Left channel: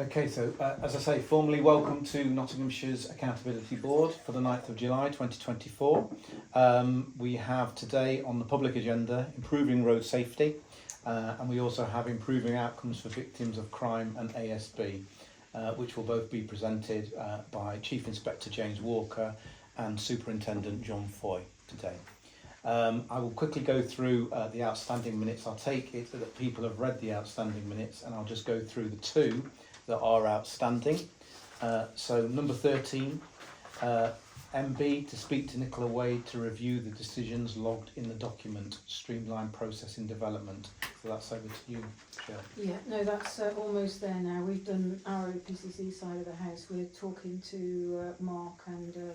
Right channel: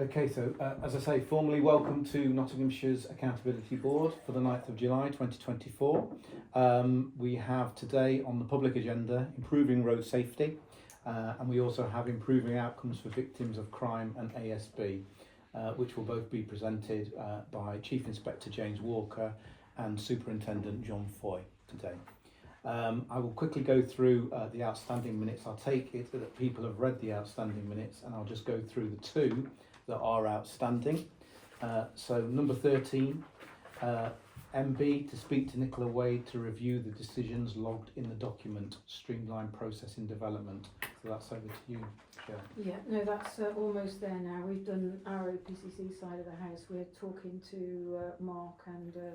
Okay, so as I say, formally welcome to Nottinghamshire's Accountability Board for the 9th of July 2024. We have today on the public agenda improving road safety, and we also have improving outcomes for victims of crime and ASB, which will both be presented by Chief Inspector James Walker and Superintendent John Foy today. I will quickly go through the outstanding minutes. I'll take it that people have read the outstanding minutes, and I'll just go through the two that are outstanding. So number 13, MB to speak to Nicola Wade to review the decisions logged in the document Streamline Processing Development. So that's over to you, Chair. Yeah, no, that's almost there now. We've done our OPCC side of the house. We're talking to Mark and the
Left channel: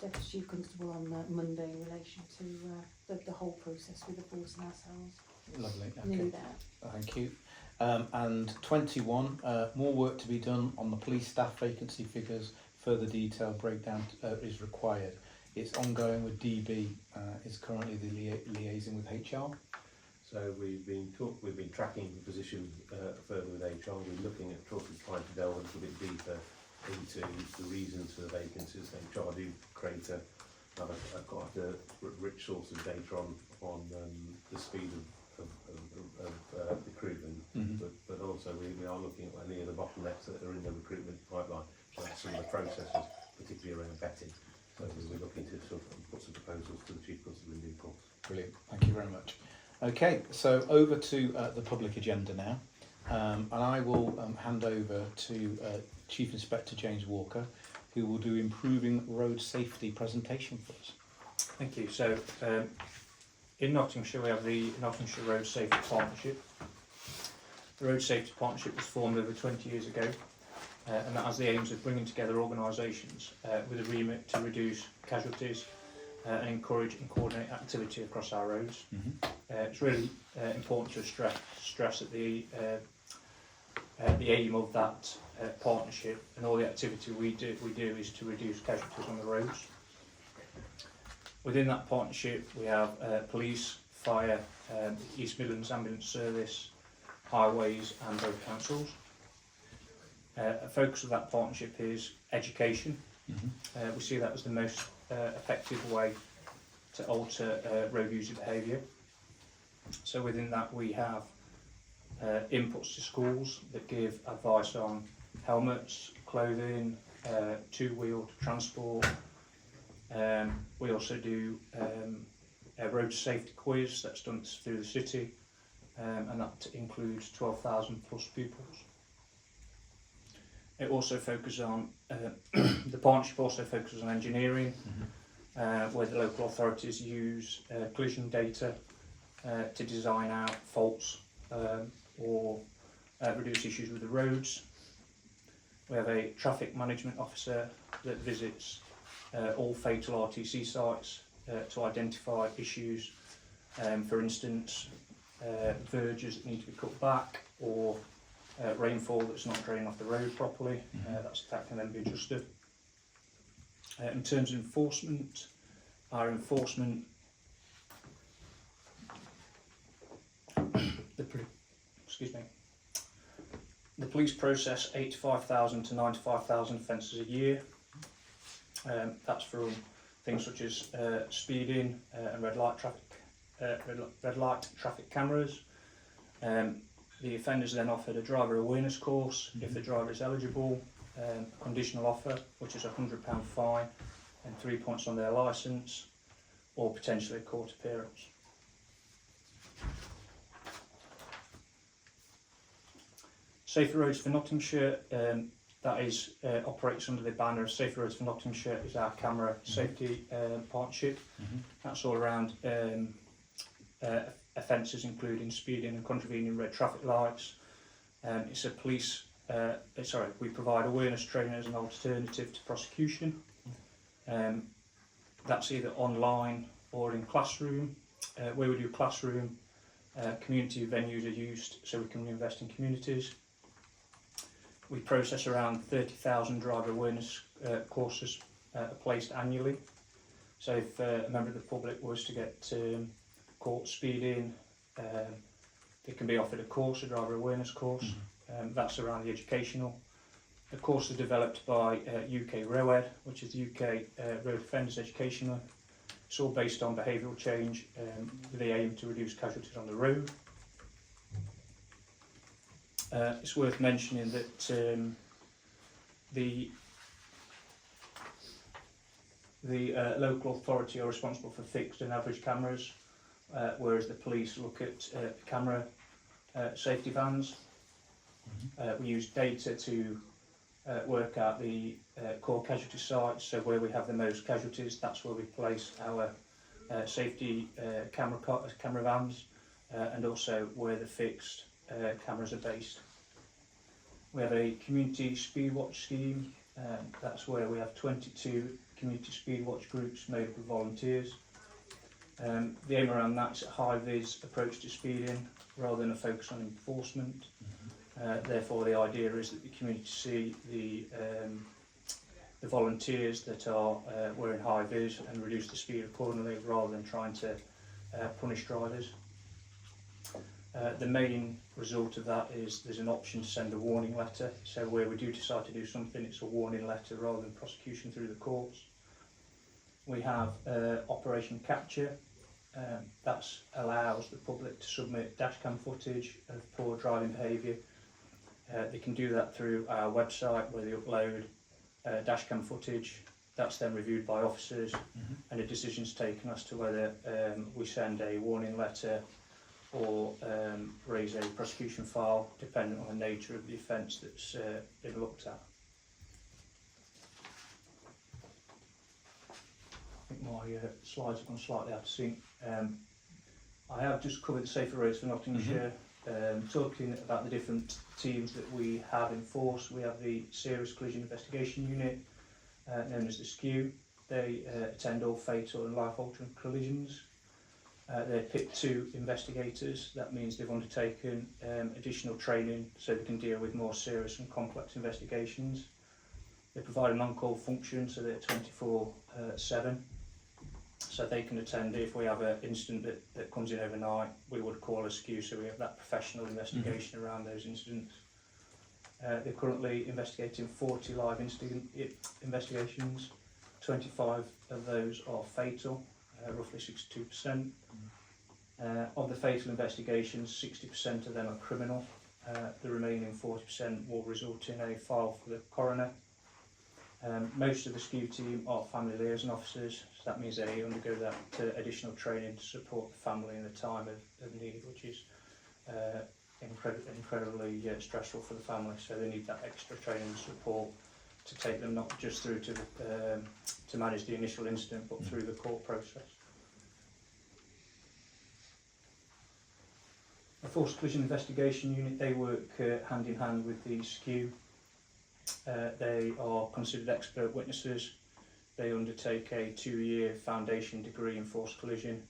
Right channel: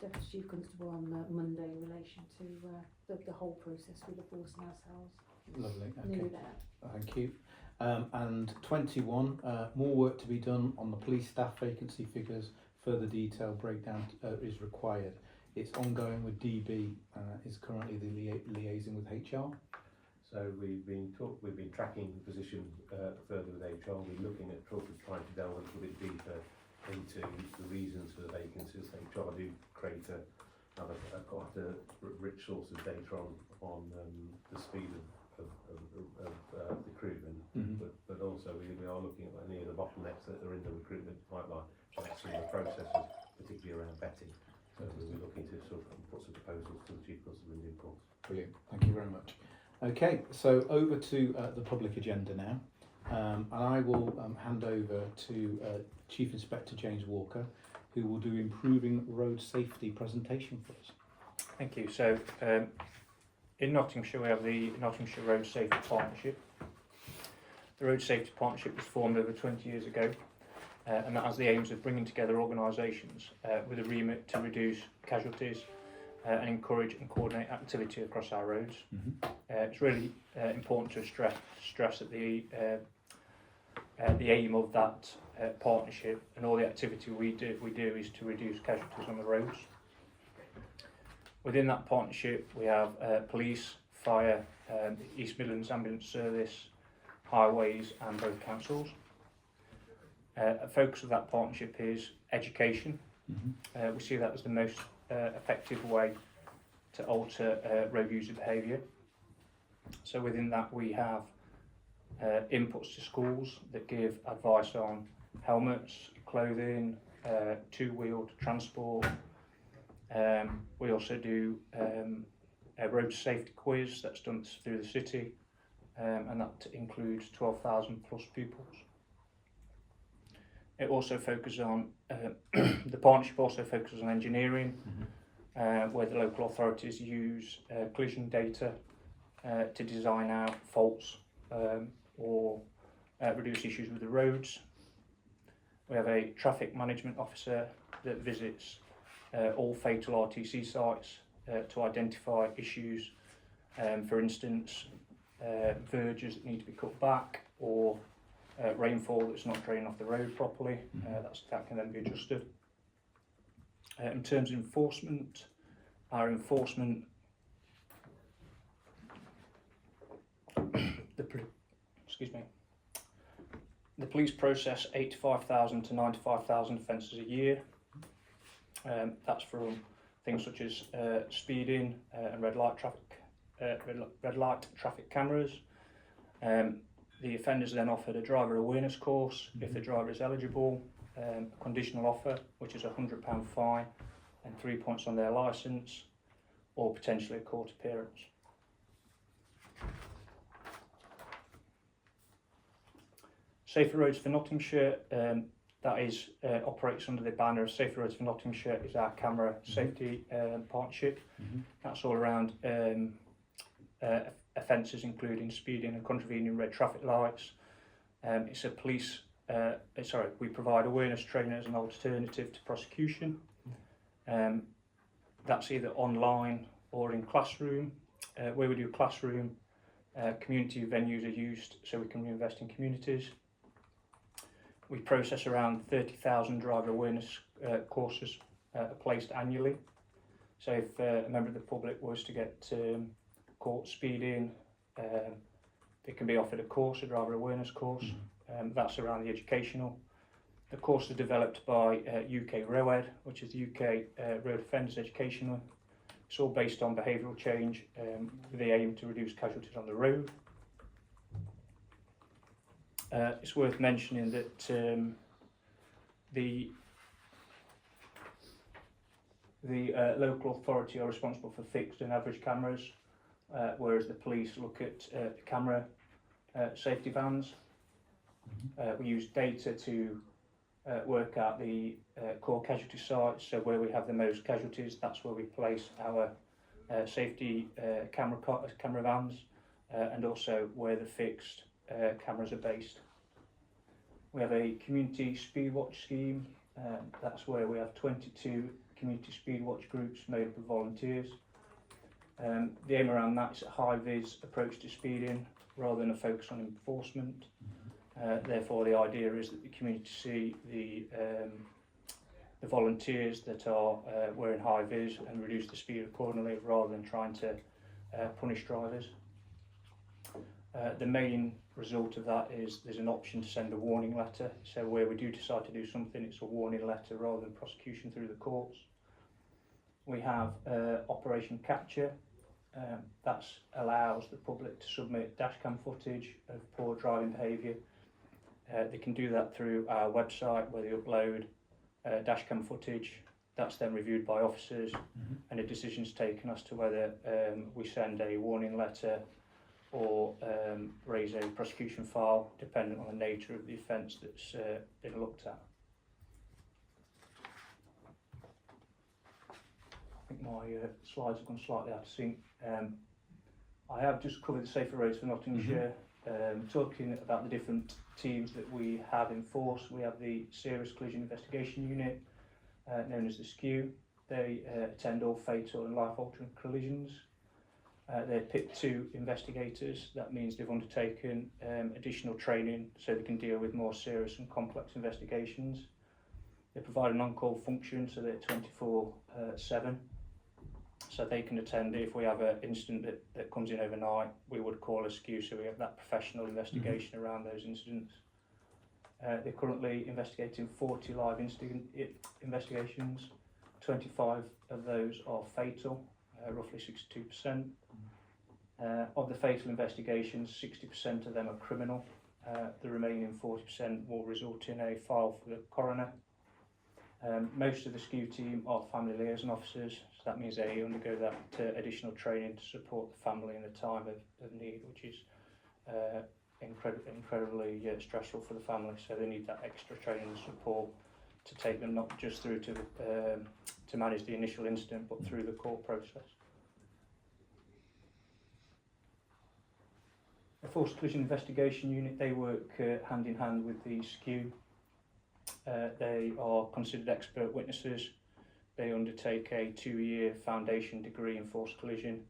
Deputy Chief Constable on Monday in relation to the whole process with the force and ourselves. Lovely, okay. Nearly there. Thank you. And 21, more work to be done on the police staff vacancy figures. Further detailed breakdown is required. It's ongoing with DB, is currently the liaison with HR. So we've been tracking the position further with HR. We're looking at trying to delve a little bit deeper into the reasons for the vacancies. HR do create quite a rich source of data on the speed of recruitment, but also we are looking at any of the bottlenecks that are in the recruitment pipeline, so that's some of the processes, particularly around vetting. So we're looking to sort of put some proposals to the Chief Constable in due course. Brilliant, thank you very much. Okay, so over to the public agenda now, and I will hand over to Chief Inspector James Walker, who will do improving road safety presentation for us. Thank you. So in Nottinghamshire we have the Nottinghamshire Road Safety Partnership. The Road Safety Partnership was formed over 20 years ago, and that has the aims of bringing together organisations with a remit to reduce casualties and encourage and coordinate activity across our roads. It's really important to stress that the aim of that partnership and all the activity we do is to reduce casualties on the roads. Within that partnership we have police, fire, East Midlands Ambulance Service, highways and road councils. A focus of that partnership is education. We see that as the most effective way to alter road user behaviour. So within that we have inputs to schools that give advice on helmets, clothing, two-wheeled transport. We also do a road safety quiz that's done through the city, and that includes 12,000 plus pupils. It also focuses on, the partnership also focuses on engineering, where the local authorities use collision data to design out faults or reduce issues with the roads. We have a traffic management officer that visits all fatal RTC sites to identify issues, for instance verges that need to be cut back, or rainfall that's not draining off the road properly. That can then be adjusted. In terms of enforcement, our enforcement, the police process 85,000 to 95,000 offences a year. That's from things such as speeding and red light traffic cameras. The offenders then offered a driver awareness course if the driver is eligible, a conditional offer, which is a £100 fine and 3 points on their licence, or potentially a court appearance. Safer Roads for Nottinghamshire, that is operates under the banner of Safer Roads for Nottinghamshire, is our camera safety partnership. That's all around offences including speeding and contravening red traffic lights. It's a police, we provide awareness training as an alternative to prosecution. That's either online or in classroom. Where we do classroom, community venues are used so we can reinvest in communities. We process around 30,000 driver awareness courses placed annually. So if a member of the public was to get caught speeding, they can be offered a course, a driver awareness course, That's around the educational. The course is developed by UK ROED, which is the UK Road Offenders Educational. It's all based on behavioural change with the aim to reduce casualties on the road. It's worth mentioning that the local authority are responsible for fixed and average cameras, whereas the police look at camera safety vans. We use data to work out the core casualty sites, so where we have the most casualties, that's where we place our safety camera vans, and also where the fixed cameras are based. We have a community speed watch scheme. That's where we have 22 community speed watch groups made up of volunteers. The aim around that is a high-vis approach to speeding rather than a focus on enforcement. Therefore, the idea is that the community see the volunteers that are wearing high-vis and reduce the speed accordingly rather than trying to punish drivers. The main result of that is there's an option to send a warning letter, so where we do decide to do something, it's a warning letter rather than prosecution through the courts. We have Operation Capture. That allows the public to submit dashcam footage of poor driving behaviour. They can do that through our website where they upload dashcam footage. That's then reviewed by officers, and a decision's taken as to whether we send a warning letter or raise a prosecution file, depending on the nature of the offence that's been looked at. I think my slides have gone slightly out of sync. I have just covered the safer roads for Nottinghamshire. Talking about the different teams that we have in force, we have the Serious Collision Investigation Unit, known as the SKU. They attend all fatal and life-altering collisions. They're PIP 2 investigators. That means they've undertaken additional training so they can deal with more serious and complex investigations. They provide an on-call function, so they're 24/7. So they can attend if we have an incident that comes in overnight. We would call a SKU, so we have that professional investigation around those incidents. They're currently investigating 40 live investigations. 25 of those are fatal, roughly 62%. Of the fatal investigations, 60% of them are criminal. The remaining 40% will result in a file for the coroner. Most of the SKU team are family liaison officers, so that means they undergo that additional training to support the family in the time of need, which is incredibly stressful for the family, so they need that extra training and support to take them not just through to manage the initial incident, but through the court process. The Forced Collision Investigation Unit, they work hand in hand with the SKU. They are considered expert witnesses. They undertake a 2-year foundation degree in forced collision.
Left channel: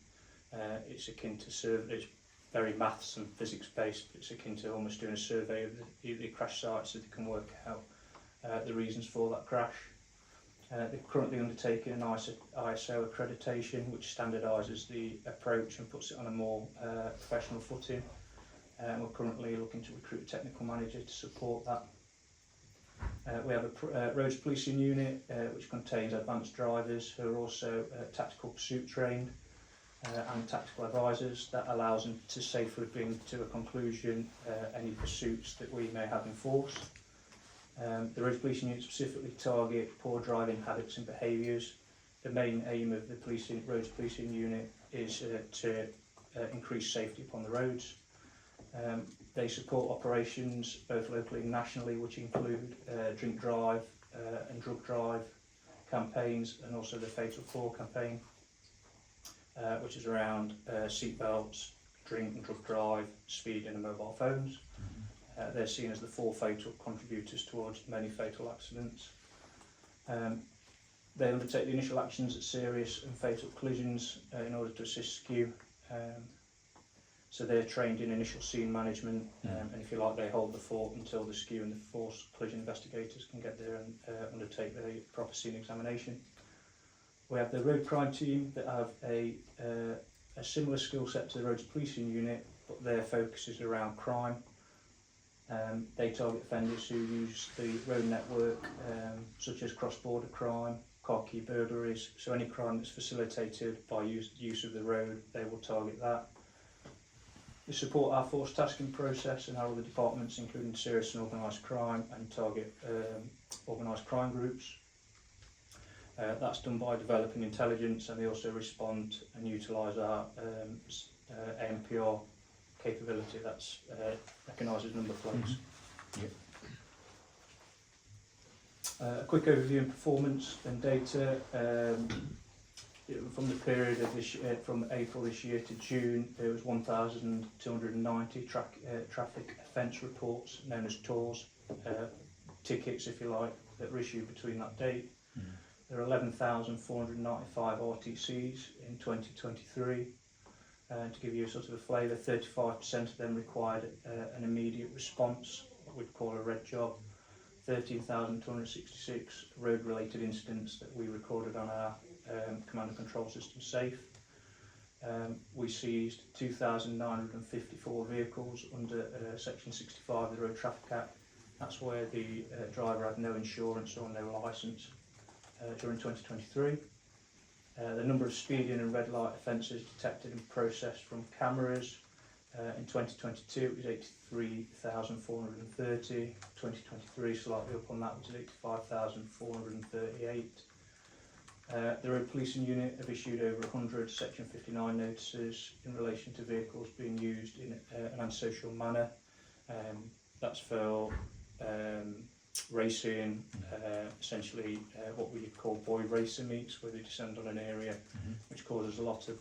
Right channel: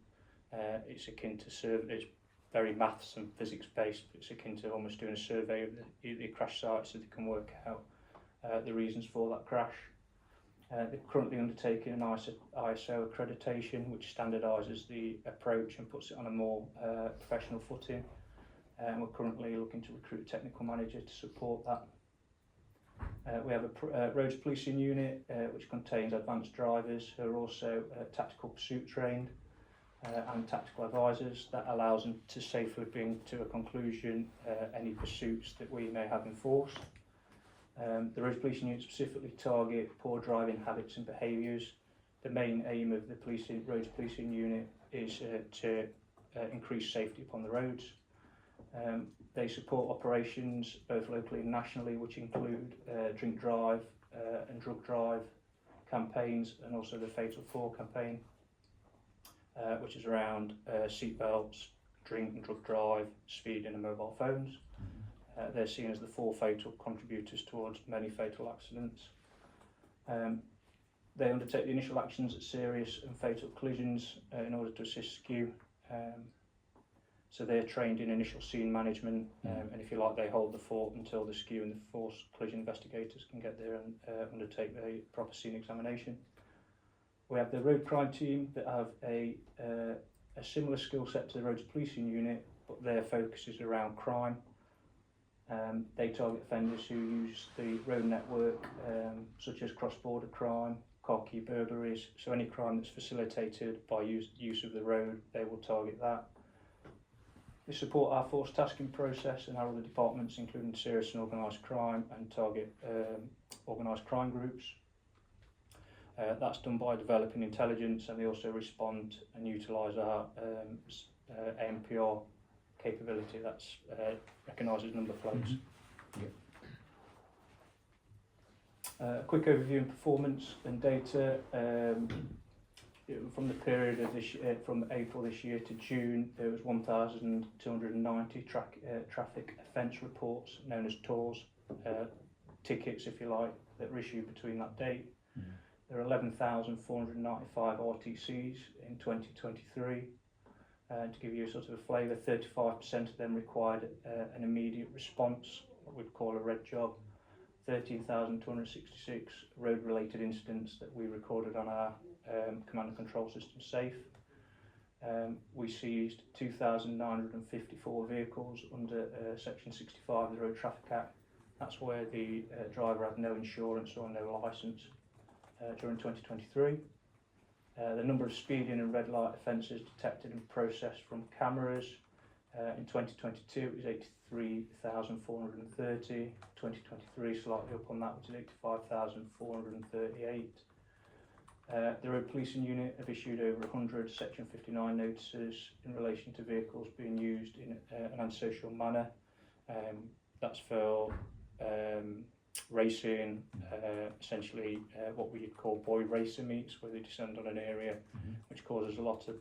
It's akin to it's very maths and physics based, but it's akin to almost doing a survey of the crash site so they can work out the reasons for that crash. They're currently undertaking an ISO accreditation, which standardises the approach and puts it on a more professional footing. We're currently looking to recruit a technical manager to support that. We have a roads policing unit which contains advanced drivers who are also tactical pursuit trained and tactical advisors. That allows them to safely bring to a conclusion any pursuits that we may have in force. The roads policing unit specifically target poor driving habits and behaviours. The main aim of the roads policing unit is to increase safety upon the roads. They support operations both locally and nationally, which include drink drive and drug drive campaigns, and also the Fatal 4 campaign, which is around seat belts, drink and drug drive, speed and mobile phones. They're seen as the 4 fatal contributors towards many fatal accidents. They undertake the initial actions at serious and fatal collisions in order to assist SKU. So they're trained in initial scene management, and if you like, they hold the fort until the SKU and the forced collision investigators can get there and undertake the proper scene examination. We have the road crime team that have a similar skill set to the roads policing unit, but their focus is around crime. They target offenders who use the road network, such as cross-border crime, car key burglaries, so any crime that's facilitated by use of the road, they will target that. We support our force tasking process and our other departments, including serious and organised crime, and target organised crime groups. That's done by developing intelligence, and they also respond and utilise our ANPR capability, that's recognises number plates. A quick overview of performance and data. From the period of this from April this year to June, there was 1,290 traffic offence reports, known as TORs, tickets if you like, that were issued between that date. There are 11,495 RTCs in 2023. To give you a sort of a flavour, 35% of them required an immediate response, what we'd call a red job. 13,266 road-related incidents that we recorded on our command and control system SAFE. We seized 2,954 vehicles under Section 65 of the Road Traffic Act. That's where the driver had no insurance or no licence during 2023. The number of speeding and red light offences detected and processed from cameras in 2022 it was 83,430. 2023 slightly up on that, was 85,438. The Road Policing Unit have issued over 100 Section 59 notices in relation to vehicles being used in an antisocial manner. That's for racing, essentially what we call boy racing meets, where they descend on an area which causes a lot of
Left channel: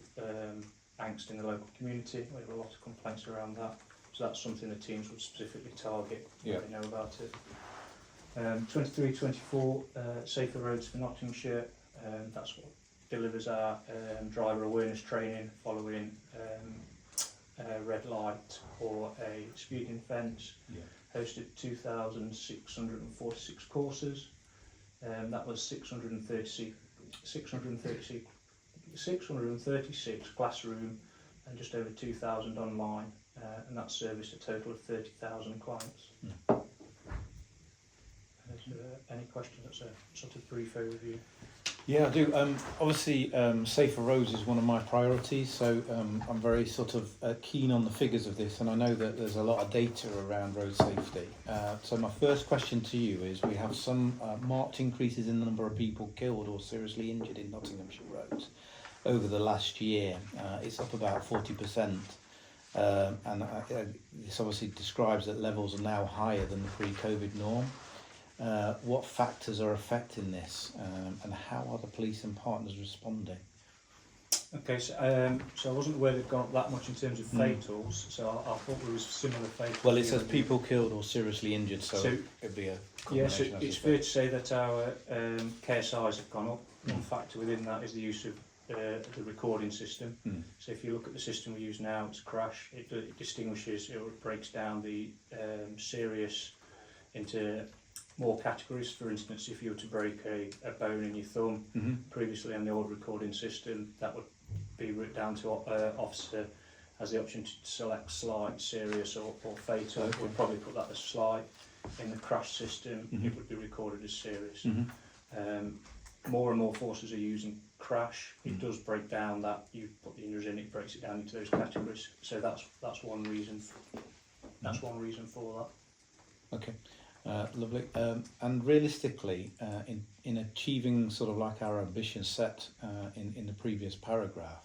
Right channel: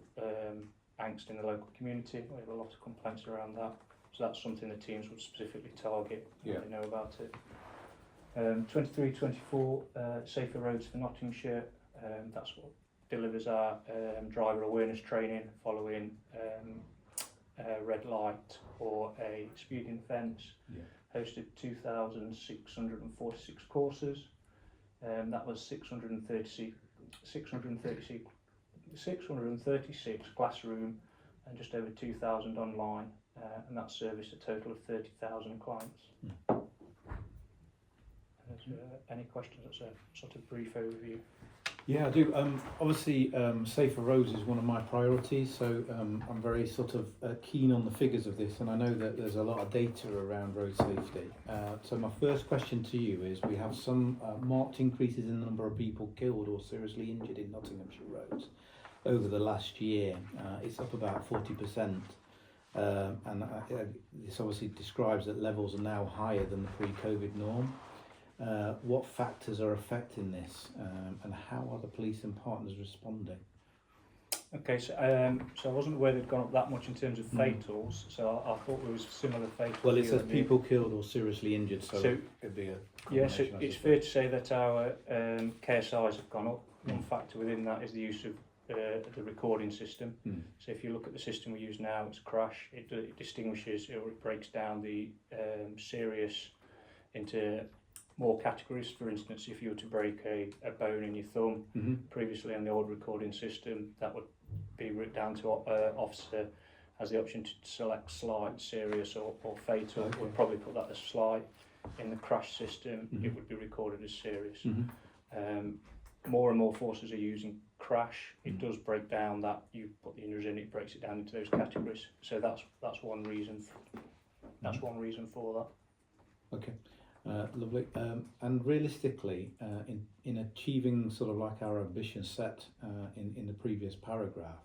angst in the local community. We have a lot of complaints around that, so that's something the teams will specifically target. They know about it. 23-24 Safer Roads for Nottinghamshire. That's what delivers our driver awareness training following red light or a speeding offence. Hosted 2,646 courses. That was 636 classroom and just over 2,000 online, and that serviced a total of 30,000 clients. Any questions? That's a sort of brief overview. Yeah, I do. Obviously, safer roads is one of my priorities, so I'm very sort of keen on the figures of this, and I know that there's a lot of data around road safety. So my first question to you is, we have some marked increases in the number of people killed or seriously injured in Nottinghamshire roads over the last year. It's up about 40%, and this obviously describes that levels are now higher than the pre-COVID norm. What factors are affecting this, and how are the police and partners responding? Okay, so I wasn't aware they'd gone up that much in terms of fatals, so I thought there was similar fatals. Well, it says people killed or seriously injured, so it'd be a yes, it's fair to say that our KSIs have gone up. One factor within that is the use of the recording system. So if you look at the system we use now, it's crash. It distinguishes, it breaks down the serious into more categories. For instance, if you were to break a bone in your thumb, previously on the old recording system, that would be written down to officer has the option to select slight, serious or fatal. We'll probably put that as slight. In the crash system, it would be recorded as serious. More and more forces are using crash. It does break down that, you put the injuries in, it breaks it down into those categories. So that's one reason. That's one reason for that. Okay. Lovely. And realistically, in achieving sort of like our ambition set in the previous paragraph,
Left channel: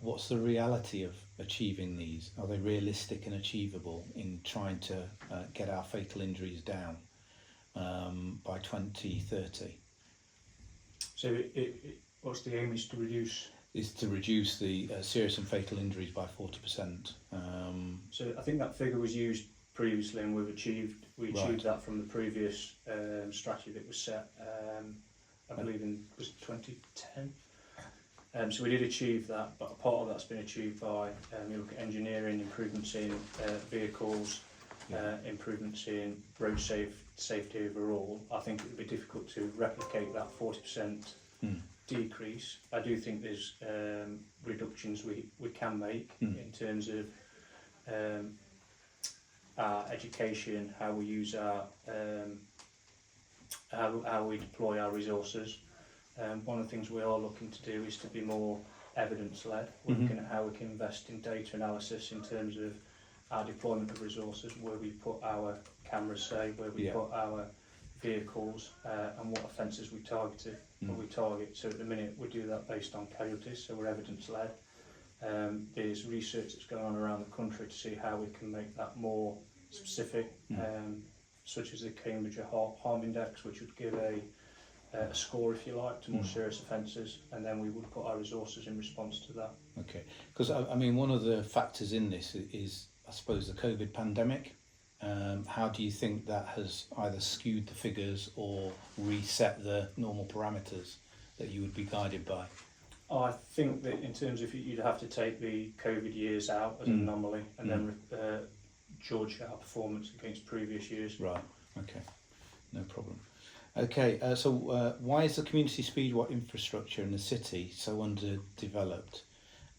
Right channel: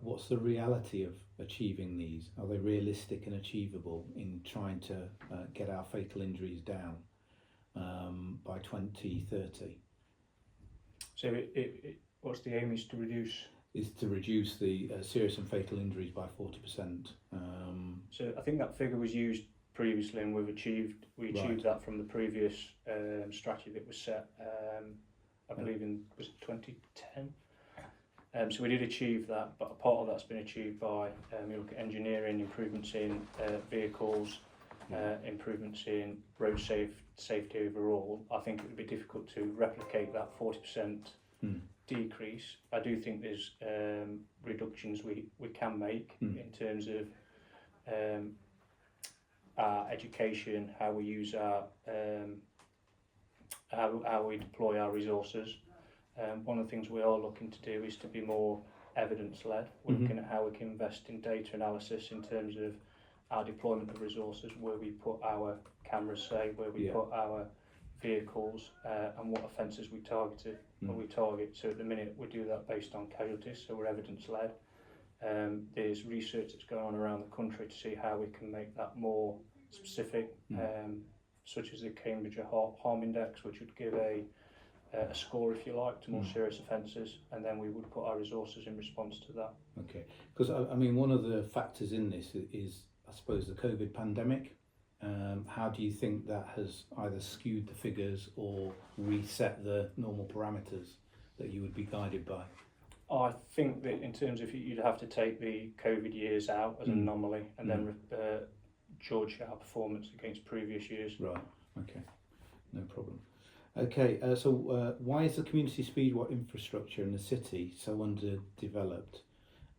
what's the reality of achieving these? Are they realistic and achievable in trying to get our fatal injuries down by 2030? So what's the aim is to reduce? Is to reduce the serious and fatal injuries by 40%. So I think that figure was used previously, and we achieved that from the previous strategy that was set. I believe was 2010. So we did achieve that, but a part of that's been achieved by you look at engineering, improvements in vehicles, improvements in road safety overall. I think it would be difficult to replicate that 40% decrease. I do think there's reductions we can make in terms of our education, how we use our how we deploy our resources. One of the things we are looking to do is to be more evidence-led. We're looking at how we can invest in data analysis in terms of our deployment of resources, where we put our cameras, say, where we put our vehicles, and what offences we target. So at the minute we do that based on casualties, so we're evidence-led. There's research that's going on around the country to see how we can make that more specific, such as the Cambridge Harm Index, which would give a score, if you like, to more serious offences, and then we would put our resources in response to that. Okay, because I mean, one of the factors in this is, I suppose, the COVID pandemic. How do you think that has either skewed the figures or reset the normal parameters that you would be guided by? I think that in terms of, you'd have to take the COVID years out as an anomaly, and then judge our performance against previous years. Right, okay, no problem. Okay, so why is the community speedwatch infrastructure in the city so underdeveloped,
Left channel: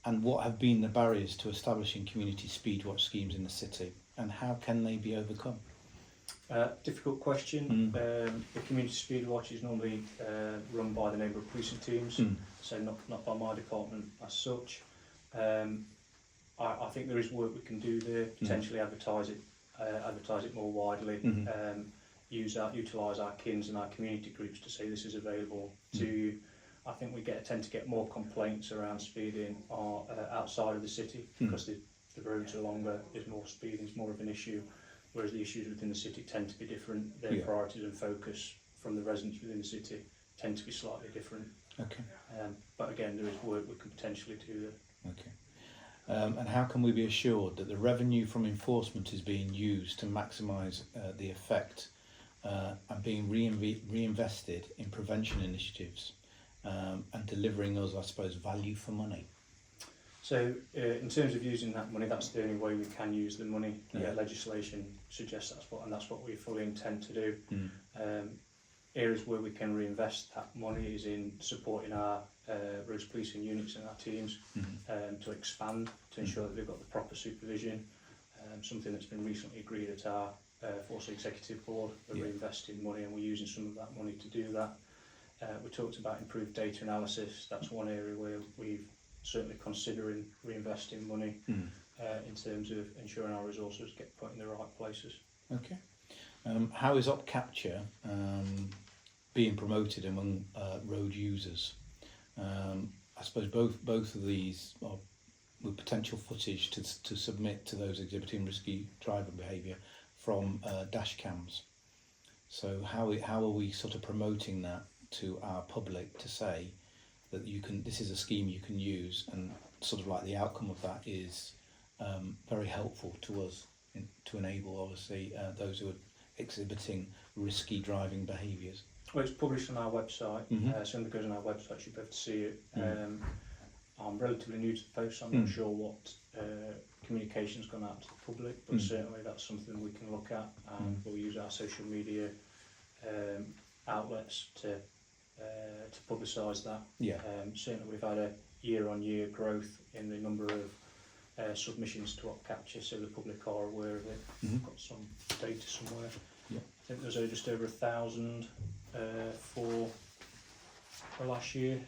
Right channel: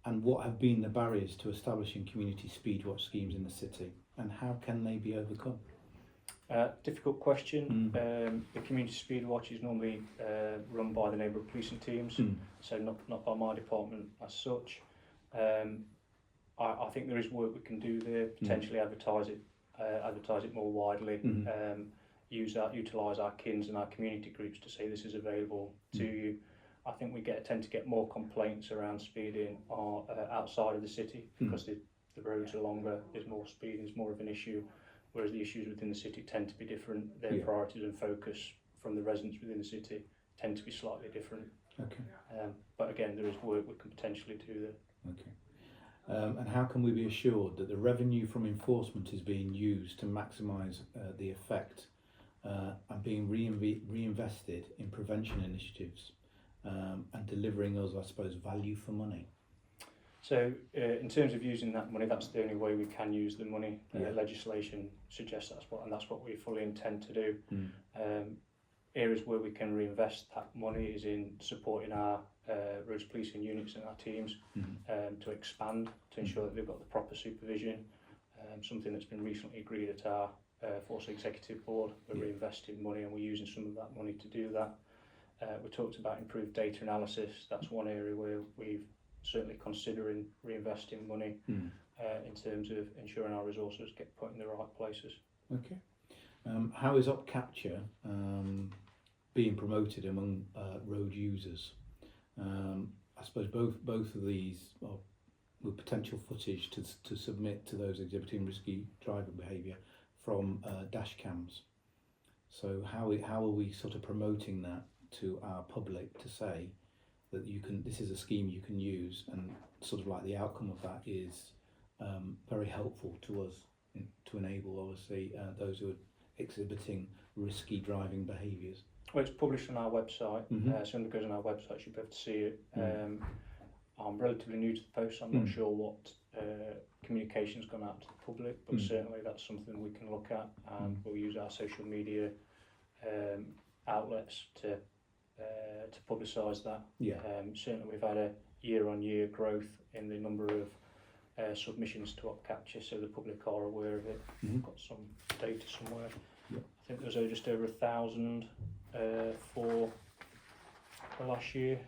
and what have been the barriers to establishing community speedwatch schemes in the city, and how can they be overcome? Difficult question. The community speedwatch is normally run by the neighbourhood policing teams, so not by my department as such. I think there is work we can do there, potentially advertise it more widely, utilise our KINs and our community groups to say this is available to you. I think we tend to get more complaints around speeding outside of the city, because the roads are longer, there's more speeding, it's more of an issue, whereas the issues within the city tend to be different. Their priorities and focus from the residents within the city tend to be slightly different. Okay. But again, there is work we can potentially do there. Okay. And how can we be assured that the revenue from enforcement is being used to maximise the effect and being reinvested in prevention initiatives and delivering us, I suppose, value for money? So in terms of using that money, that's the only way we can use the money. Legislation suggests that's what we fully intend to do. Areas where we can reinvest that money is in supporting our roads policing units and our teams to expand, to ensure that they've got the proper supervision. Something that's been recently agreed at our Force Executive Board. We're reinvesting money, and we're using some of that money to do that. We talked about improved data analysis. That's one area where we've certainly considering reinvesting money in terms of ensuring our resources get put in the right places. Okay. How is op capture being promoted among road users? I suppose both of these are with potential footage to submit to those exhibiting risky driving behaviour from dash cams. So how are we sort of promoting that to our public to say that this is a scheme you can use, and sort of like the outcome of that is very helpful to us to enable, obviously, those who are exhibiting risky driving behaviours? Well, it's published on our website, so when it goes on our website you'll be able to see it. I'm relatively new to the post, so I'm not sure what communication's gone out to the public, but certainly that's something we can look at, and we'll use our social media outlets to publicise that. Certainly we've had a year-on-year growth in the number of submissions to op capture, so the public are aware of it. I've got some data somewhere. I think there's just over 1,000 for last year.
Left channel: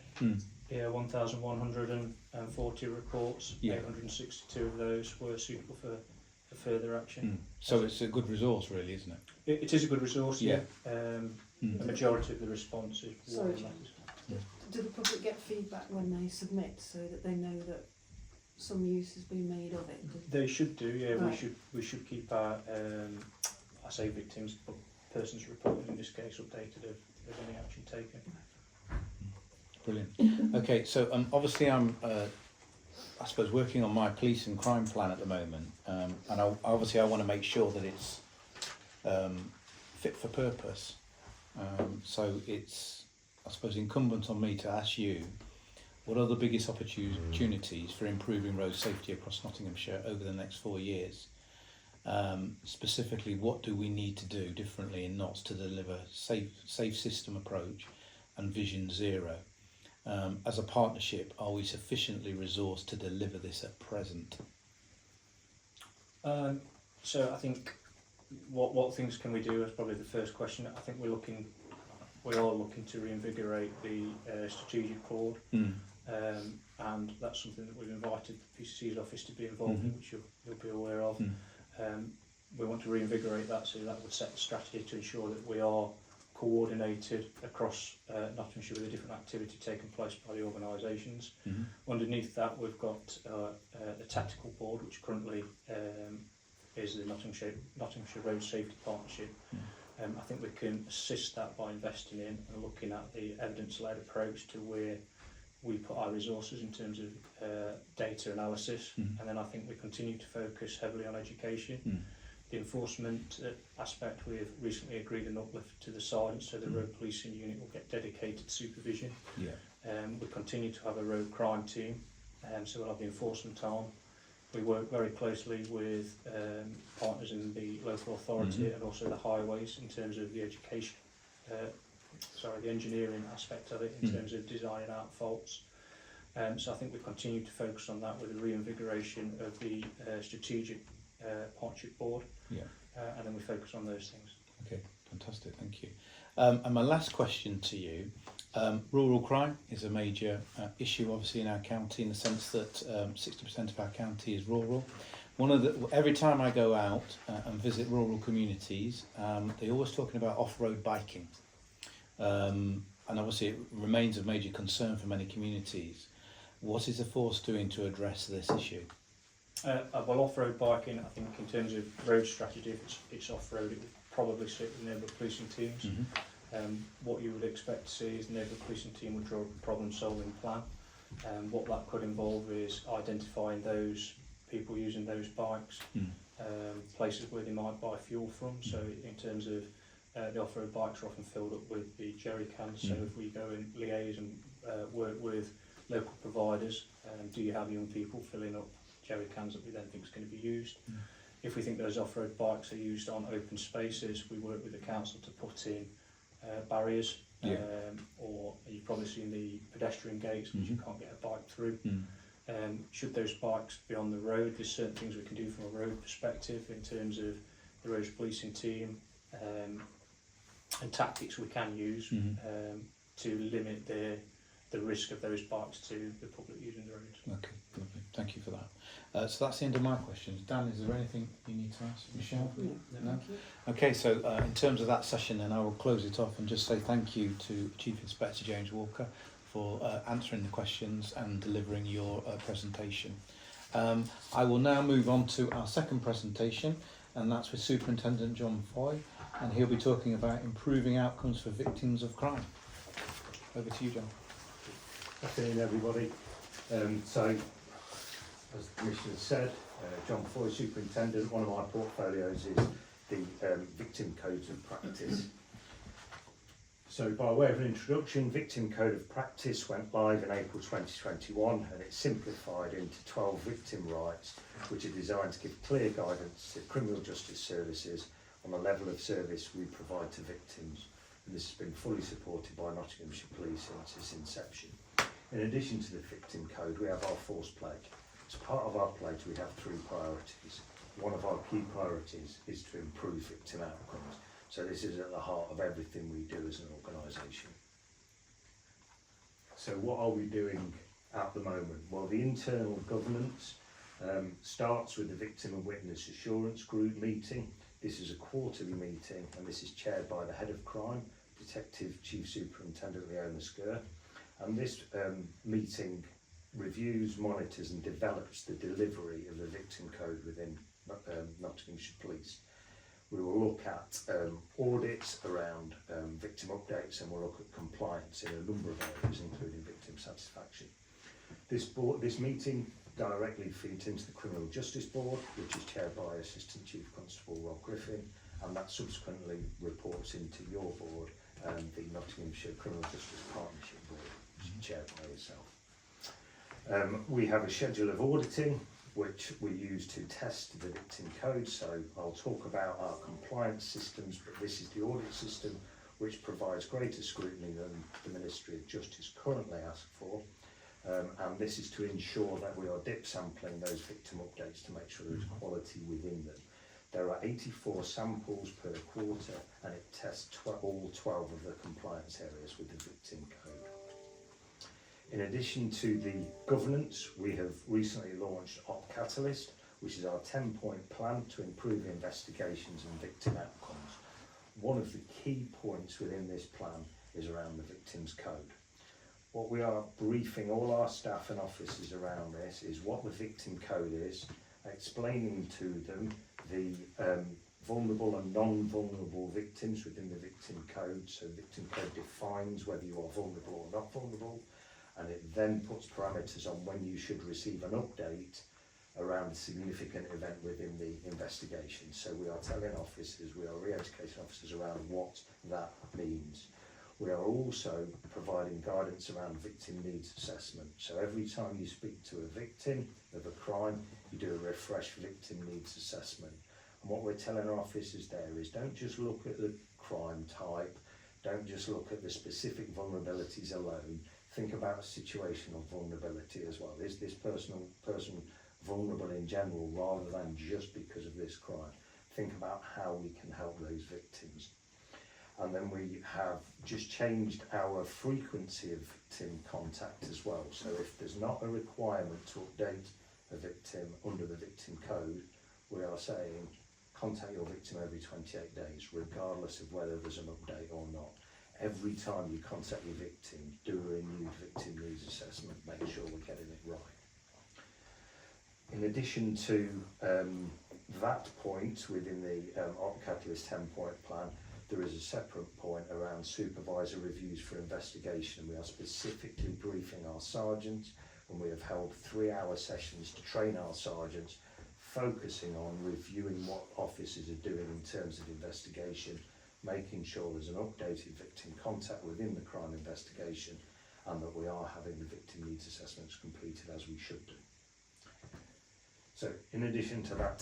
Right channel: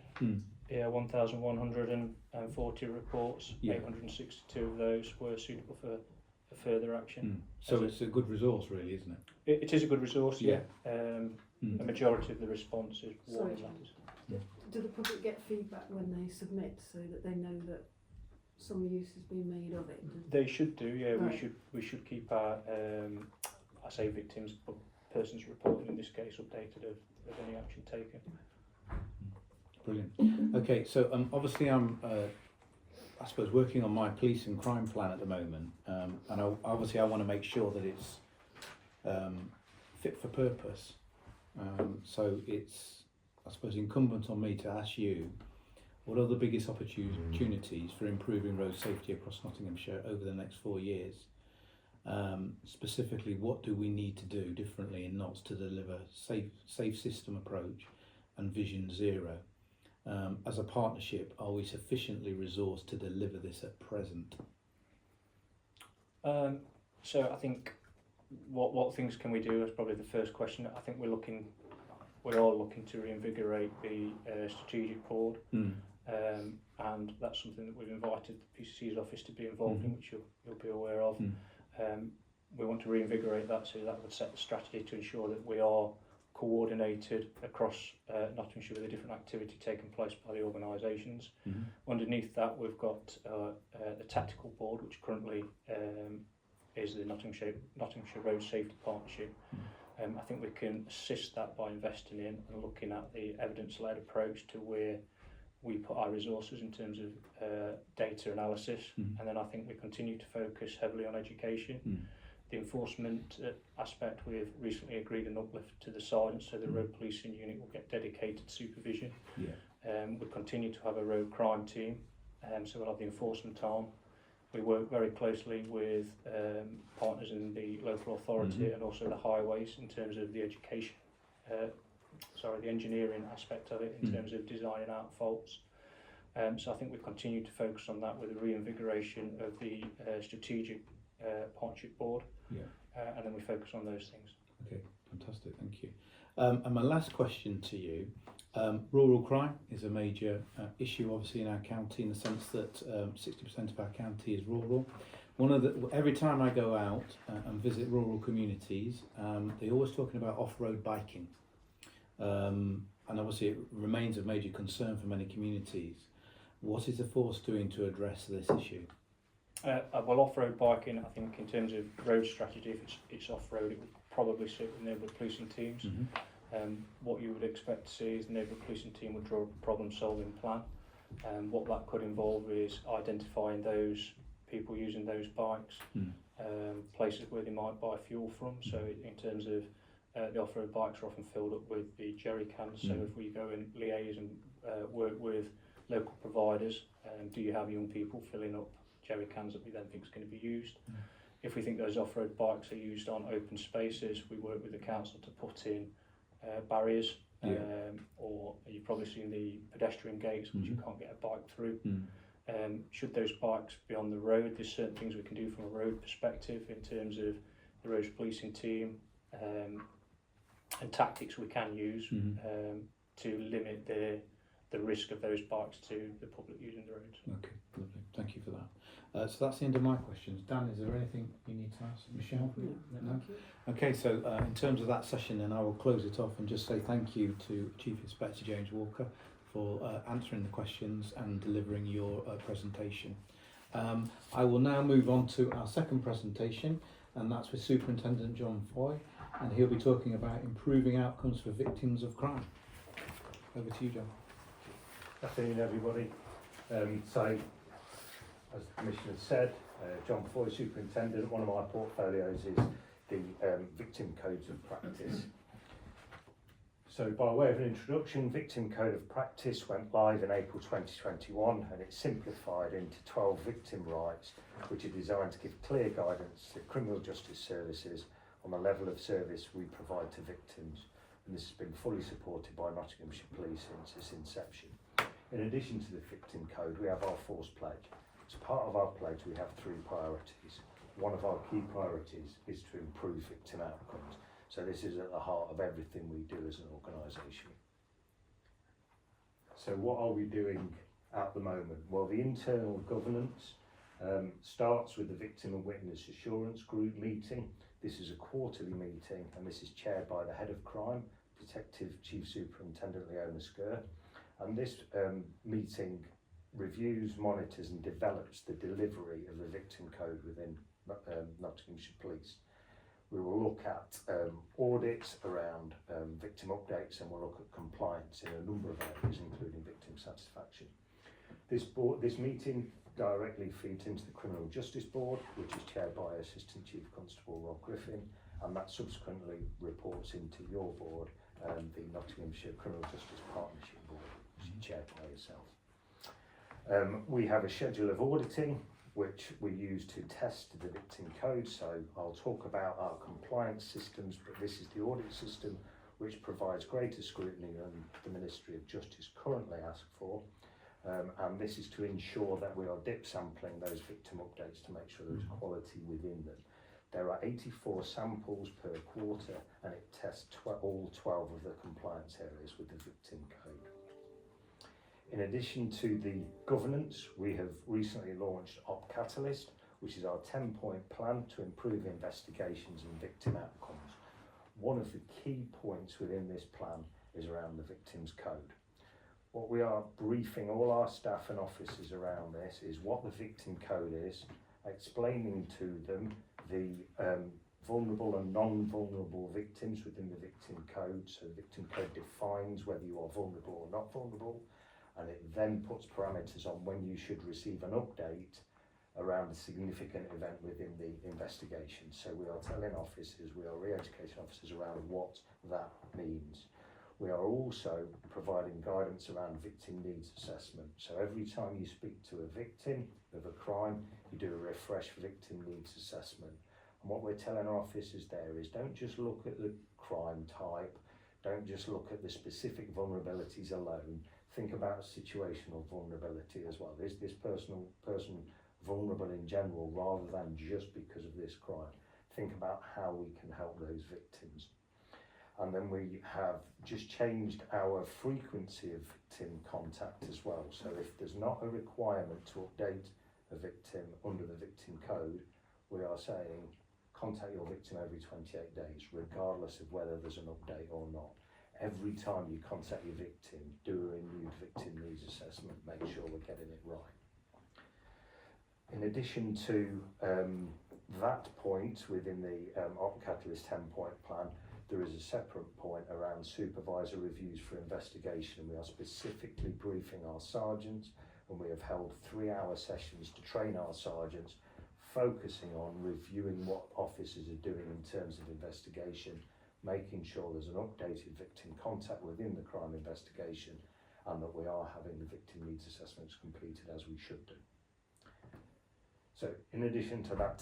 1,140 reports. 862 of those were suitable for further action. So it's a good resource, really, isn't it? It is a good resource. A majority of the response is warning letters. Do the public get feedback when they submit, so that they know that some use has been made of it? They should do. Right. We should keep our I say victims, but persons reported in this case, updated of any action taken. Brilliant. Okay, so obviously I'm I suppose working on my police and crime plan at the moment, and I want to make sure that it's fit for purpose. So it's, I suppose, incumbent on me to ask you, what are the biggest opportunities for improving road safety across Nottinghamshire over the next 4 years? Specifically, what do we need to do differently in Notts to deliver safe system approach and Vision Zero? As a partnership, are we sufficiently resourced to deliver this at present? So I think what things can we do is probably the first question. I think we are looking to reinvigorate the strategic board, and that's something that we've invited the PCC's office to be involved in, which you'll be aware of. We want to reinvigorate that, so that would set the strategy to ensure that we are coordinated across Nottinghamshire with the different activity taking place by the organisations. Underneath that, we've got the tactical board, which currently is the Nottinghamshire Road Safety Partnership. I think we can assist that by investing in and looking at the evidence-led approach to where we put our resources in terms of data analysis, and then I think we continue to focus heavily on education. The enforcement aspect, we have recently agreed an uplift to the sergeant, so the road policing unit will get dedicated supervision. We continue to have a road crime team, so we'll have the enforcement arm. We work very closely with partners in the local authority and also the highways in terms of the education, the engineering aspect of it in terms of designing out faults. So I think we continue to focus on that with a reinvigoration of the strategic partnership board, and then we focus on those things. Okay, fantastic, thank you. And my last question to you, rural crime is a major issue obviously in our county, in the sense that 60% of our county is rural. Every time I go out and visit rural communities, they're always talking about off-road biking, and obviously it remains a major concern for many communities. What is the force doing to address this issue? Well, off-road biking, I think in terms of road strategy, if it's off-road, it would probably sit with neighbourhood policing teams. What you would expect to see is the neighbourhood policing team would draw a problem-solving plan. What that could involve is identifying those people using those bikes, places where they might buy fuel from. So in terms of the off-road bikes are often filled up with the jerry cans. So if we go and liaise and work with local providers, do you have young people filling up jerry cans that we then think is going to be used? If we think those off-road bikes are used on open spaces, we work with the council to put in barriers, or you've probably seen the pedestrian gates which you can't get a bike through. Should those bikes be on the road, there's certain things we can do from a road perspective in terms of the roads policing team, and tactics we can use to limit the risk of those bikes to the public using the roads. Okay, lovely. Thank you for that. So that's the end of my questions. Dan, is there anything you need to ask Michelle? No? Okay, so in terms of that session then, I will close it off and just say thank you to Chief Inspector James Walker for answering the questions and delivering your presentation. I will now move on to our second presentation, and that's with Superintendent John Foy, and he'll be talking about improving outcomes for victims of crime. Over to you, John. Good afternoon, everybody. So, as the Commissioner said, John Foy, Superintendent. One of my portfolios is the Victim Codes of Practice. So, by way of an introduction, Victim Code of Practice went live in April 2021, and it's simplified into 12 victim rights, which are designed to give clear guidance to criminal justice services on the level of service we provide to victims. And this has been fully supported by Nottinghamshire Police since its inception. In addition to the Victim Code, we have our Force Pledge. As part of our pledge, we have 3 priorities. One of our key priorities is to improve victim outcomes. So this is at the heart of everything we do as an organisation. So what are we doing at the moment? Well, the internal governance starts with the Victim and Witness Assurance Group meeting. This is a quarterly meeting, and this is chaired by the Head of Crime, Detective Chief Superintendent Leona Skur. And this meeting reviews, monitors and develops the delivery of the Victim Code within Nottinghamshire Police. We will look at audits around victim updates, and we'll look at compliance in a number of areas, including victim satisfaction. This meeting directly feeds into the Criminal Justice Board, which is chaired by Assistant Chief Constable Rob Griffin, and that subsequently reports into your board, the Nottinghamshire Criminal Justice Partnership Board, which is chaired by yourself. We have a schedule of auditing which we use to test the Victim Code, so I'll talk about our compliance systems, but this is the audit system which provides greater scrutiny than the Ministry of Justice currently asks for, and this is to ensure that we are dip sampling those victim updates to make sure there's quality within them. There are 84 samples per quarter, and it tests all 12 of the compliance areas with the victim code. In addition to the governance, we have recently launched Op Catalyst, which is our 10-point plan to improve investigations and victim outcomes. One of the key points within this plan is around the victim's code. What we are briefing all our staff and officers around this is what the victim code is, explaining to them the vulnerable and non-vulnerable victims within the victim code. So the victim code defines whether you are vulnerable or not vulnerable, and it then puts parameters on when you should receive an update around a significant event within the investigation. So we are telling officers, we are re-educating officers around what that means. We are also providing guidance around victim needs assessment. So every time you speak to a victim of a crime, you do a refresh victim needs assessment. And what we're telling our officers there is don't just look at the crime type, don't just look at the specific vulnerabilities alone, think about situational vulnerability as well. Is this person vulnerable in general rather than just because of this crime? Think about how we can help those victims. And then we have just changed our frequency of victim contact as well. So if there's not a requirement to update a victim under the victim code, we are saying contact your victim every 28 days, regardless of whether there's an update or not. Every time you contact your victim, do a renewed victim needs assessment, make sure we're getting it right. In addition to that point within the Op Catalyst 10-point plan, there is a separate point around supervisor reviews for investigation. We are specifically briefing our sergeants, and we have held 3-hour sessions to train our sergeants, focusing on reviewing what officers are doing in terms of investigation, making sure there's an updated victim contact within the crime investigation, and that we are having the victim needs assessments completed as we should do. So in addition to that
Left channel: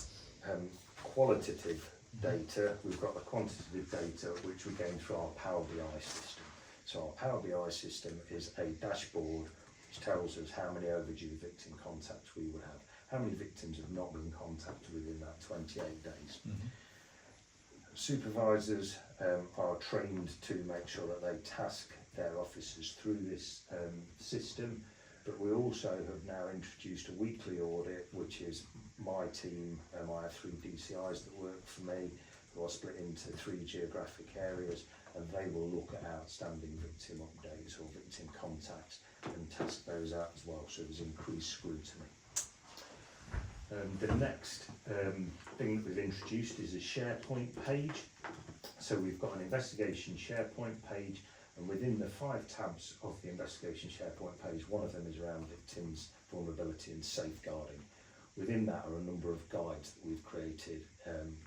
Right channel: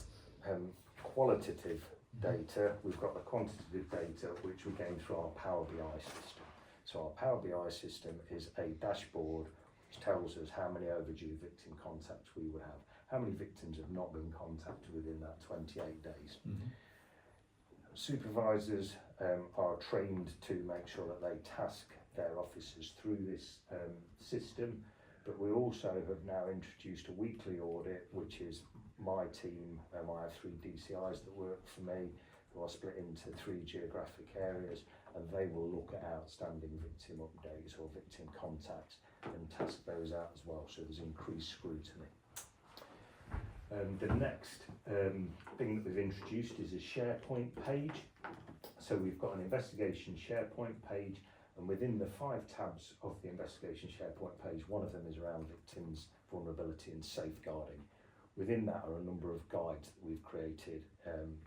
qualitative data, we've got the quantitative data which we gain through our Power BI system. So our Power BI system is a dashboard which tells us how many overdue victim contacts we would have, how many victims have not been contacted within that 28 days. Supervisors are trained to make sure that they task their officers through this system, but we also have now introduced a weekly audit, which is my team. I have 3 DCIs that work for me, who are split into 3 geographic areas, and they will look at outstanding victim updates or victim contacts and task those out as well, so there's increased scrutiny. The next thing that we've introduced is a SharePoint page. So we've got an investigation SharePoint page, and within the 5 tabs of the investigation SharePoint page, one of them is around victims' vulnerability and safeguarding. Within that are a number of guides that we've created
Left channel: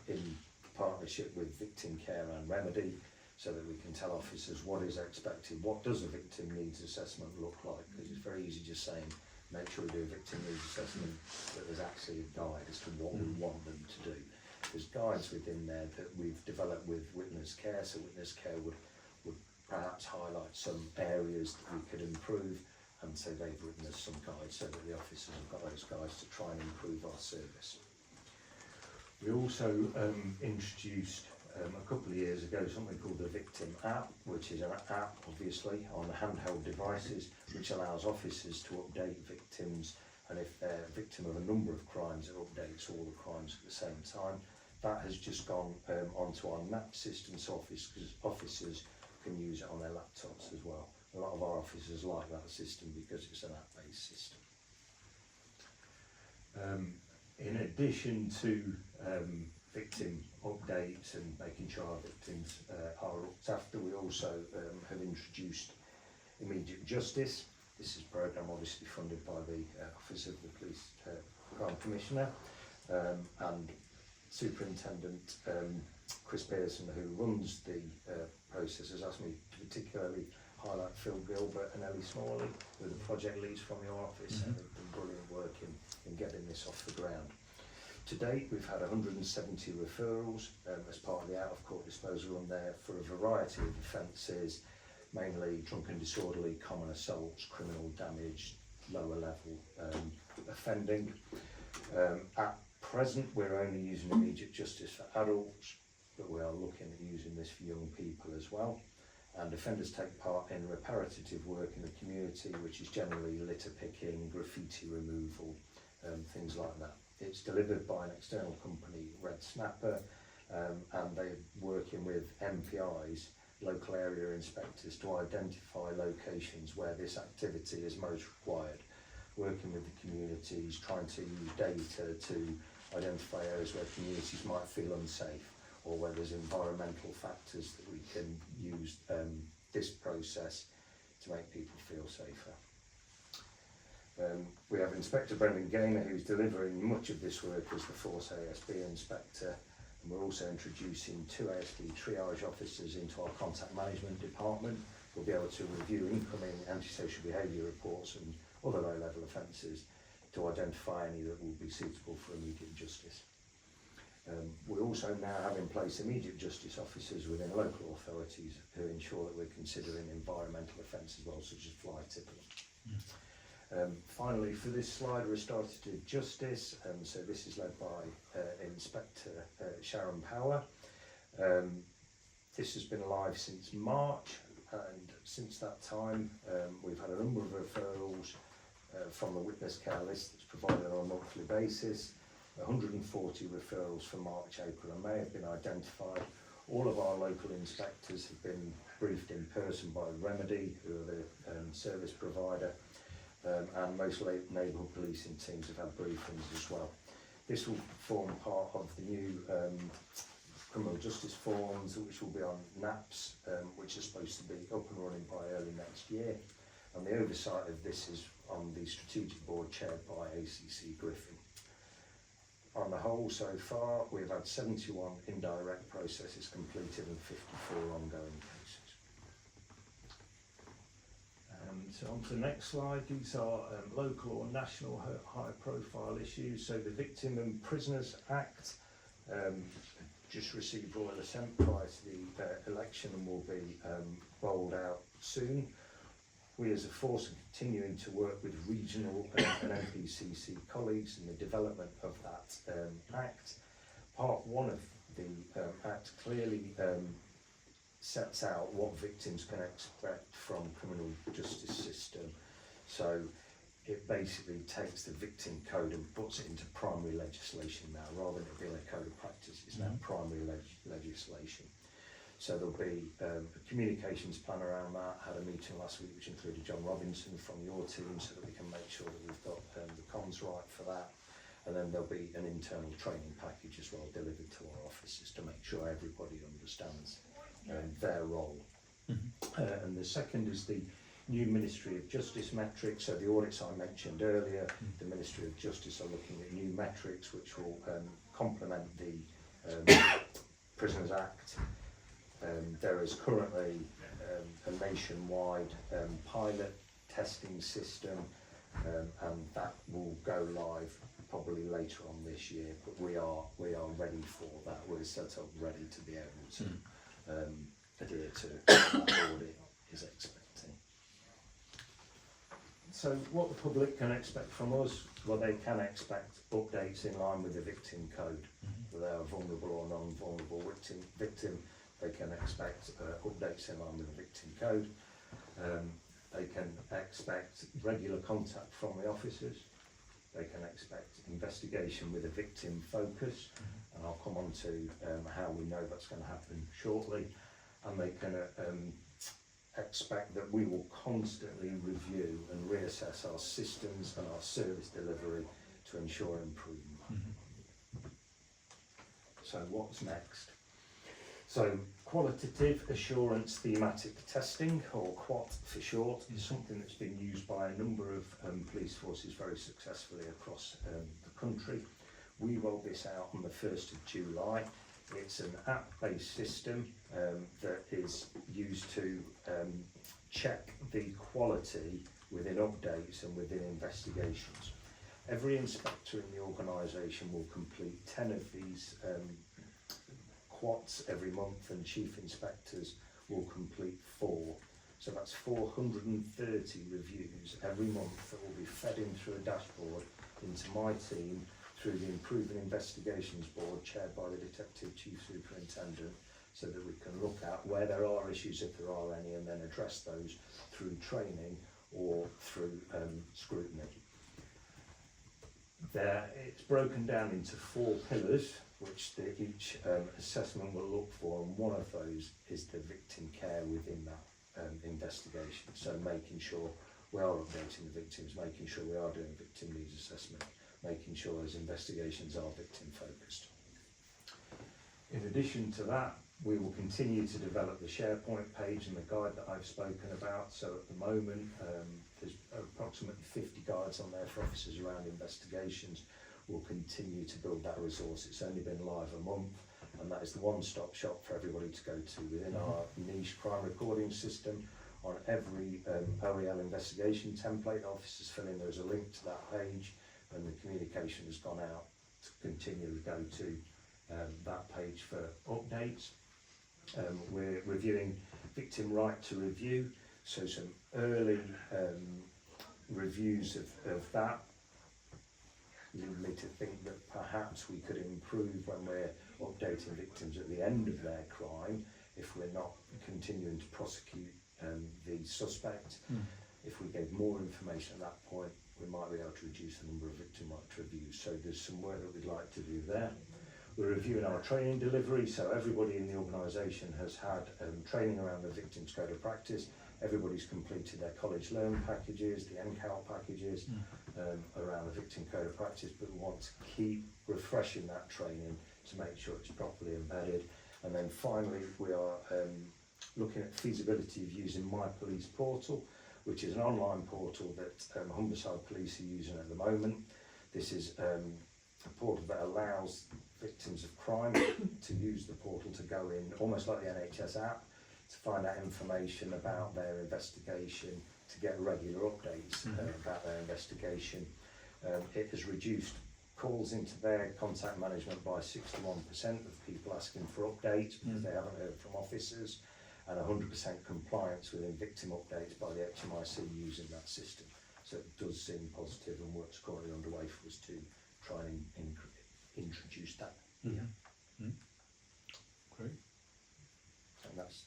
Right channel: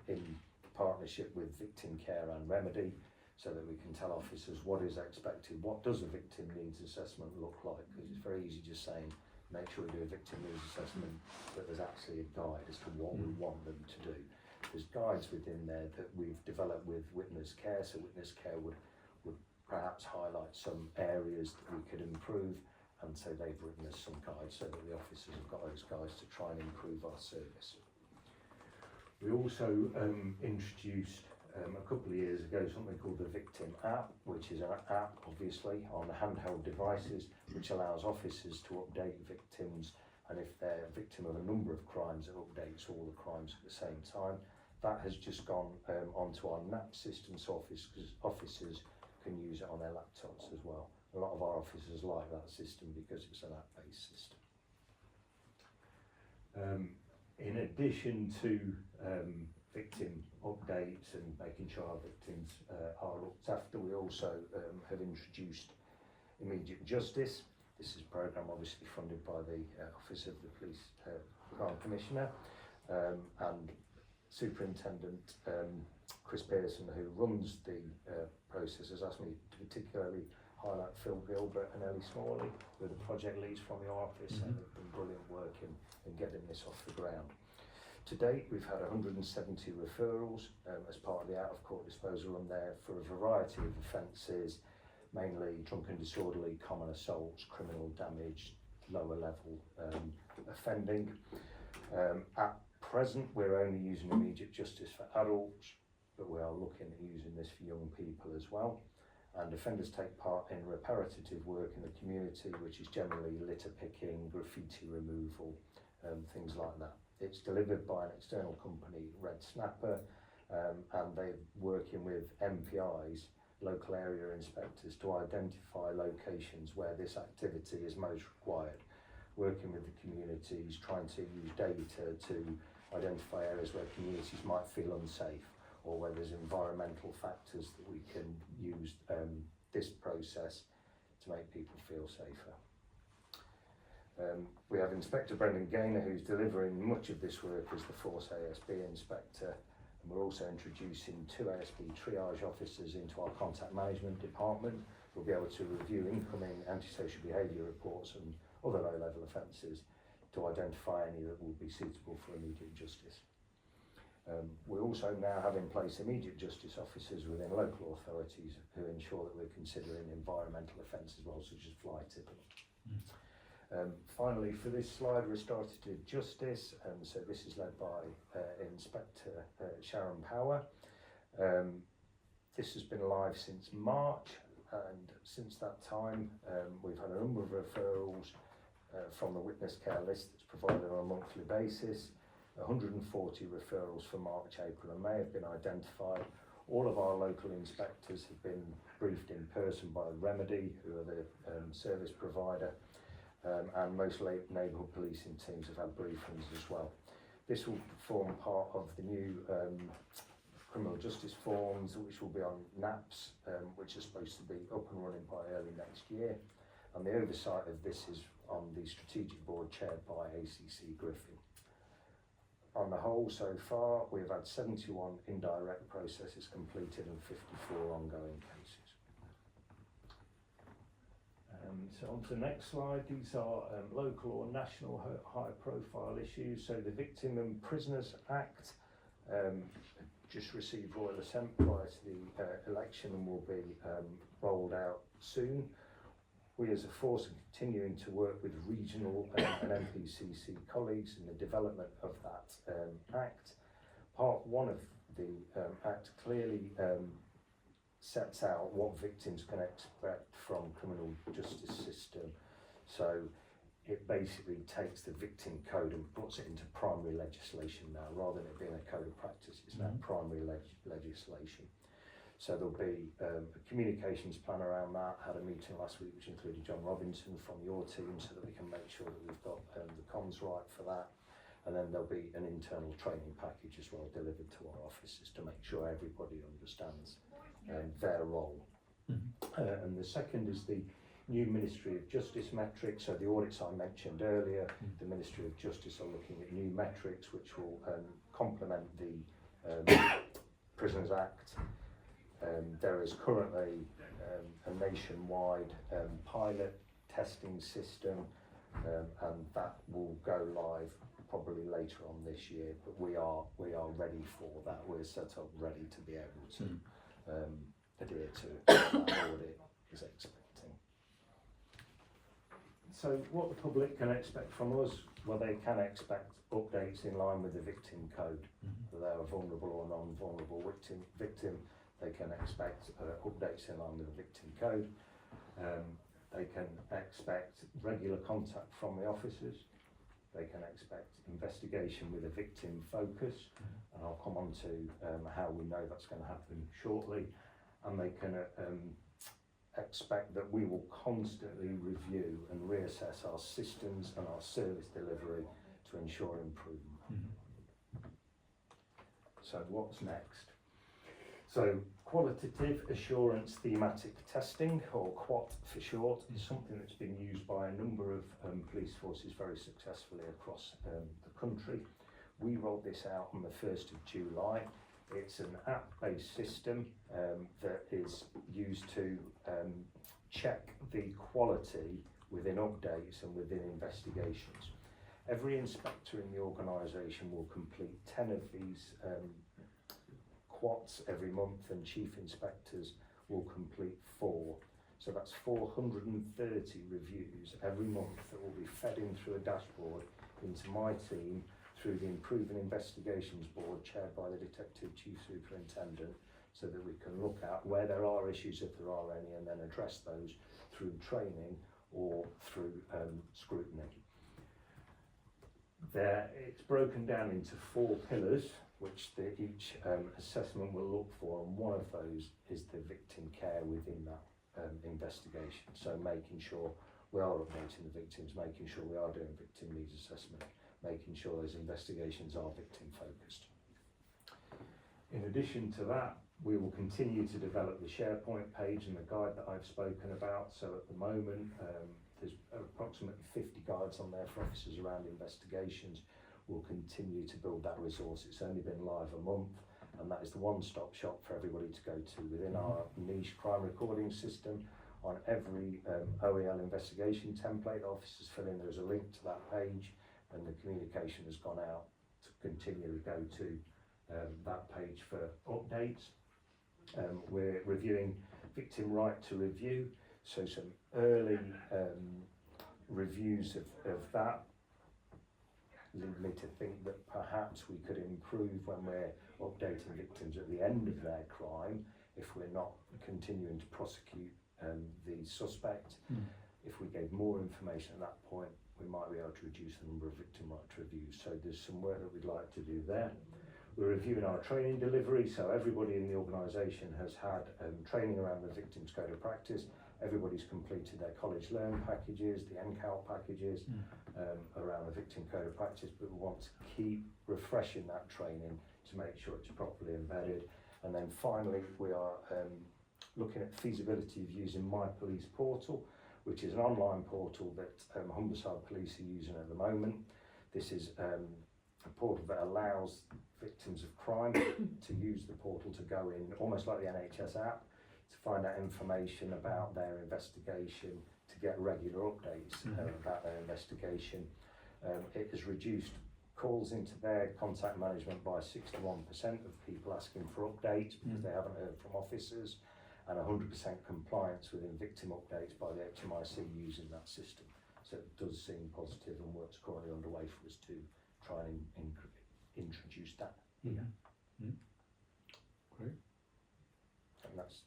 in partnership with Victim Care and Remedy, so that we can tell officers what is expected, what does a victim needs assessment look like, because it's very easy just saying make sure we do a victim needs assessment, but there's actually a guide as to what we want them to do. There's guides within there that we've developed with Witness Care, so Witness Care would perhaps highlight some areas that we could improve, and so they've written us some guides so that the officers have got those guides to try and improve our service. We also introduced a couple of years ago something called the Victim app, which is an app obviously on the handheld devices, which allows officers to update victims, and if they're a victim of a number of crimes, it updates all the crimes at the same time. That has just gone onto our NAP system, so officers can use it on their laptops as well. A lot of our officers like that system because it's an app-based system. In addition to victim updates and making sure our victims are looked after, we also have introduced immediate justice. This is a programme obviously funded by the Office of the Police Crime Commissioner, and Superintendent Chris Pearson, who runs the process, has asked me to particularly highlight Phil Gilbert and Ellie Smalley, who are the project leads from your office, and they've done brilliant work in getting this off the ground. To date, we've had 170 referrals as part of the out-of-court disposal on there for a variety of offences, mainly drunken disorderly, common assaults, criminal damage, lower level offending. At present, we're only using immediate justice for adults, but we are looking at using this for young people as well. And offenders take part in reparative work in the community, which is generally litter picking, graffiti removal, things like that. It's delivered by an external company, Red Snapper, and they're working with MPIs, local area inspectors, to identify locations where this activity is most required, working with the communities, trying to use data to identify areas where communities might feel unsafe, or where there's environmental factors that we can use this process to make people feel safer. We have Inspector Brendan Gaynor, who's delivering much of this work as the Force ASB Inspector, and we're also introducing 2 ASB triage officers into our contact management department. We'll be able to review incoming antisocial behaviour reports and other low-level offences to identify any that will be suitable for immediate justice. We also now have in place immediate justice officers within local authorities who ensure that we're considering environmental offences as well, such as fly tipping. Finally, for this slide, restorative justice. So this is led by Inspector Sharon Power. This has been alive since March, and since that time we've had a number of referrals from the witness care list that's provided on a monthly basis. 140 referrals for March, April and May have been identified. All of our local inspectors have been briefed in person by Remedy, who are the service provider, and most neighbourhood policing teams have had briefings as well. This will form part of the new criminal justice forms, which will be on NAPS, which is supposed to be up and running by early next year. And the oversight of this is on the strategic board chaired by ACC Griffin. On the whole, so far, we've had 71 indirect processes completed and 54 ongoing cases. So on to the next slide. These are local or national high-profile issues. So the Victim and Prisoners Act just received royal assent prior to the election and will be rolled out soon. We as a force are continuing to work with regional and NPCC colleagues in the development of that Act. Part 1 of the Act clearly sets out what victims can expect from criminal justice system. So it basically takes the victim code and puts it into primary legislation now, rather than it being a code of practice. It's now primary legislation. So there'll be a communications plan around that. Had a meeting last week which included John Robinson from your team, so that we can make sure that we've got the comms right for that. And then there'll be an internal training package as well delivered to our officers to make sure everybody understands their role. And the second is the new Ministry of Justice metrics. So the audits I mentioned earlier, the Ministry of Justice are looking at new metrics which will complement the Prisoners Act. There is currently a nationwide pilot testing system, and that will go live probably later on this year. But we are ready for that. We're set up ready to be able to adhere to what that audit is expecting. So what the public can expect from us? Well, they can expect updates in line with the victim code. Whether they're a vulnerable or non-vulnerable victim, they can expect updates in line with the victim code. They can expect regular contact from the officers. They can expect investigation with a victim focus, and I'll come on to how we know that's going to happen shortly. And they can expect that we will constantly review and reassess our systems and our service delivery to ensure improvement. So what's next? So qualitative assurance thematic testing, or QAT for short, is something that's been used by a number of police forces very successfully across the country. We rolled this out on the 1st of July. It's an app-based system that is used to check the quality within updates and within investigations. Every inspector in the organisation will complete 10 of these QATs every month, and chief inspectors will complete 4. So that's 430 reviews every month that will be fed in through a dashboard into my team through the Improving Investigations Board chaired by the Detective Chief Superintendent, so that we can look at where there are issues, if there are any, and then address those through training or through scrutiny. It's broken down into 4 pillars, which each assessment will look for, and one of those is the victim care within that investigation. So making sure we are updating the victims, making sure we are doing victim needs assessment, making sure those investigations are victim focused. In addition to that, we will continue to develop the SharePoint page and the guide that I've spoken about. So at the moment, there's approximately 50 guides on there for officers around investigations. We'll continue to build that resource. It's only been live a month, and that is the one-stop shop for everybody to go to within our niche crime recording system. On every OEL investigation template officers fill in, there's a link to that page, and the communication has gone out to continue to go to that page for updates. We're reviewing victim right to review, so some early reviews of that lead me to think that perhaps we could improve when we're updating victims at the end of their crime, if we're not continuing to prosecute the suspect. If we gave more information at that point, we might be able to reduce the number of victim right to reviews. So there's some work that we'd like to do there. We're reviewing our training delivery, so everybody in the organisation has had training around the Victims Code of Practice. Everybody's completed their college learn packages, the NCAL packages around the Victim Code of Practice, but we want to keep refreshing that training to make sure it's properly embedded. And then finally, we are looking at feasibility of using My Police Portal, which is an online portal that Humberside Police are using at the moment. This is a portal that allows victims of crime to use the portal to go in, almost like the NHS app, to find out information about their investigation, to get regular updates about their investigation. It has reduced calls into their contact management by 61% of people asking for updates because they haven't heard from officers, and 100% compliance within victim updates by the HMIC using that system. So it does seem positive, and work's currently underway for us to try and introduce that. Great. And that's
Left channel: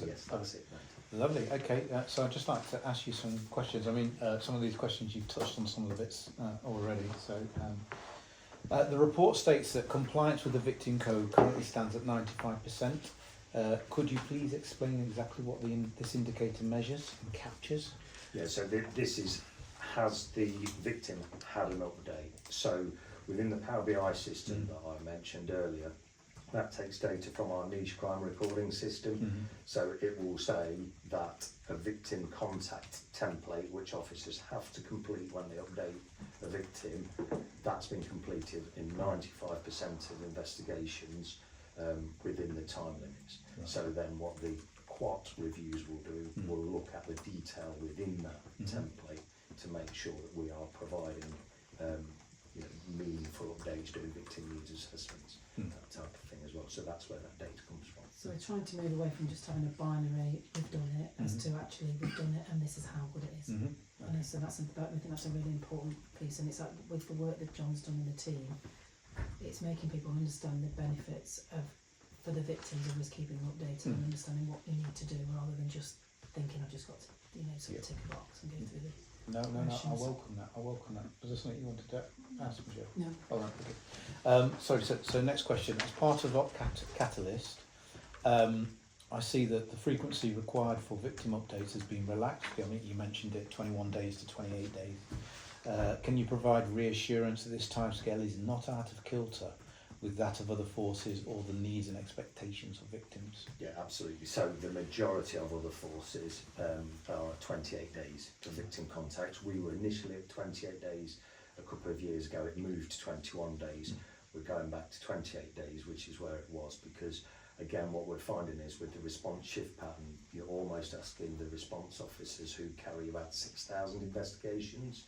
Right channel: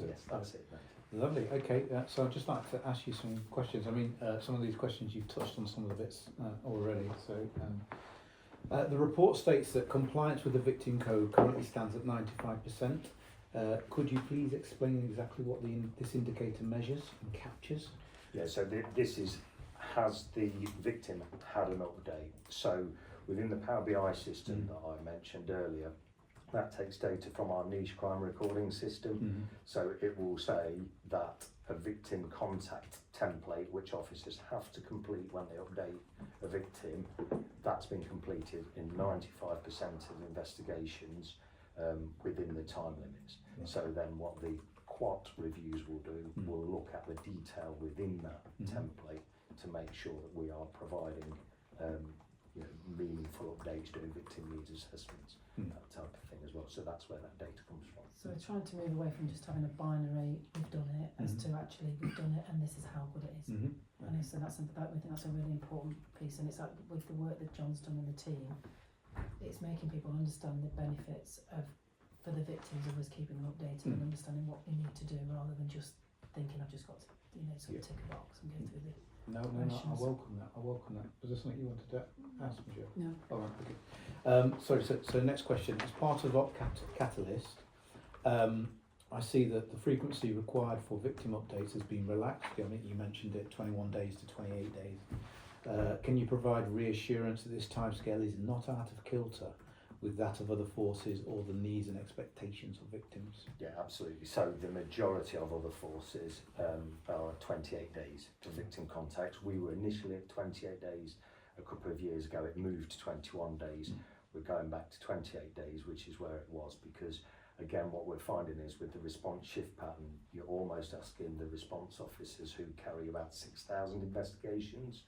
it. Yes, that's it. Lovely. Okay, so I'd just like to ask you some questions. I mean, some of these questions you've touched on some of the bits already. So the report states that compliance with the victim code currently stands at 95%. Could you please explain exactly what this indicator measures and captures? Yeah, so this is, has the victim had an update? So within the Power BI system that I mentioned earlier, that takes data from our niche crime recording system. So it will say that a victim contact template, which officers have to complete when they update a victim, that's been completed in 95% of investigations within the time limits. So then what the QUAT reviews will do, will look at the detail within that template to make sure that we are providing meaningful updates, doing victim needs assessments, that type of thing as well. So that's where that data comes from. So we're trying to move away from just having a binary, we've done it, as to actually we've done it and this is how good it is. And so we think that's a really important piece, and it's like with the work that John's done in the team, it's making people understand the benefits for the victims of us keeping them updated and understanding what we need to do, rather than just thinking I've just got to sort of tick a box and go through the No, I welcome that. Was there something you wanted to ask, Michelle? No. Oh, right, okay. Sorry, so next question. As part of Catalyst, I see that the frequency required for victim updates has been relaxed. I mean, you mentioned it, 21 days to 28 days. Can you provide reassurance that this timescale is not out of kilter with that of other forces or the needs and expectations of victims? Yeah, absolutely. So the majority of other forces are 28 days to victim contact. We were initially at 28 days a couple of years ago. It moved to 21 days. We're going back to 28 days, which is where it was, because again, what we're finding is with the response shift pattern, you're almost asking the response officers who carry about 6,000 investigations,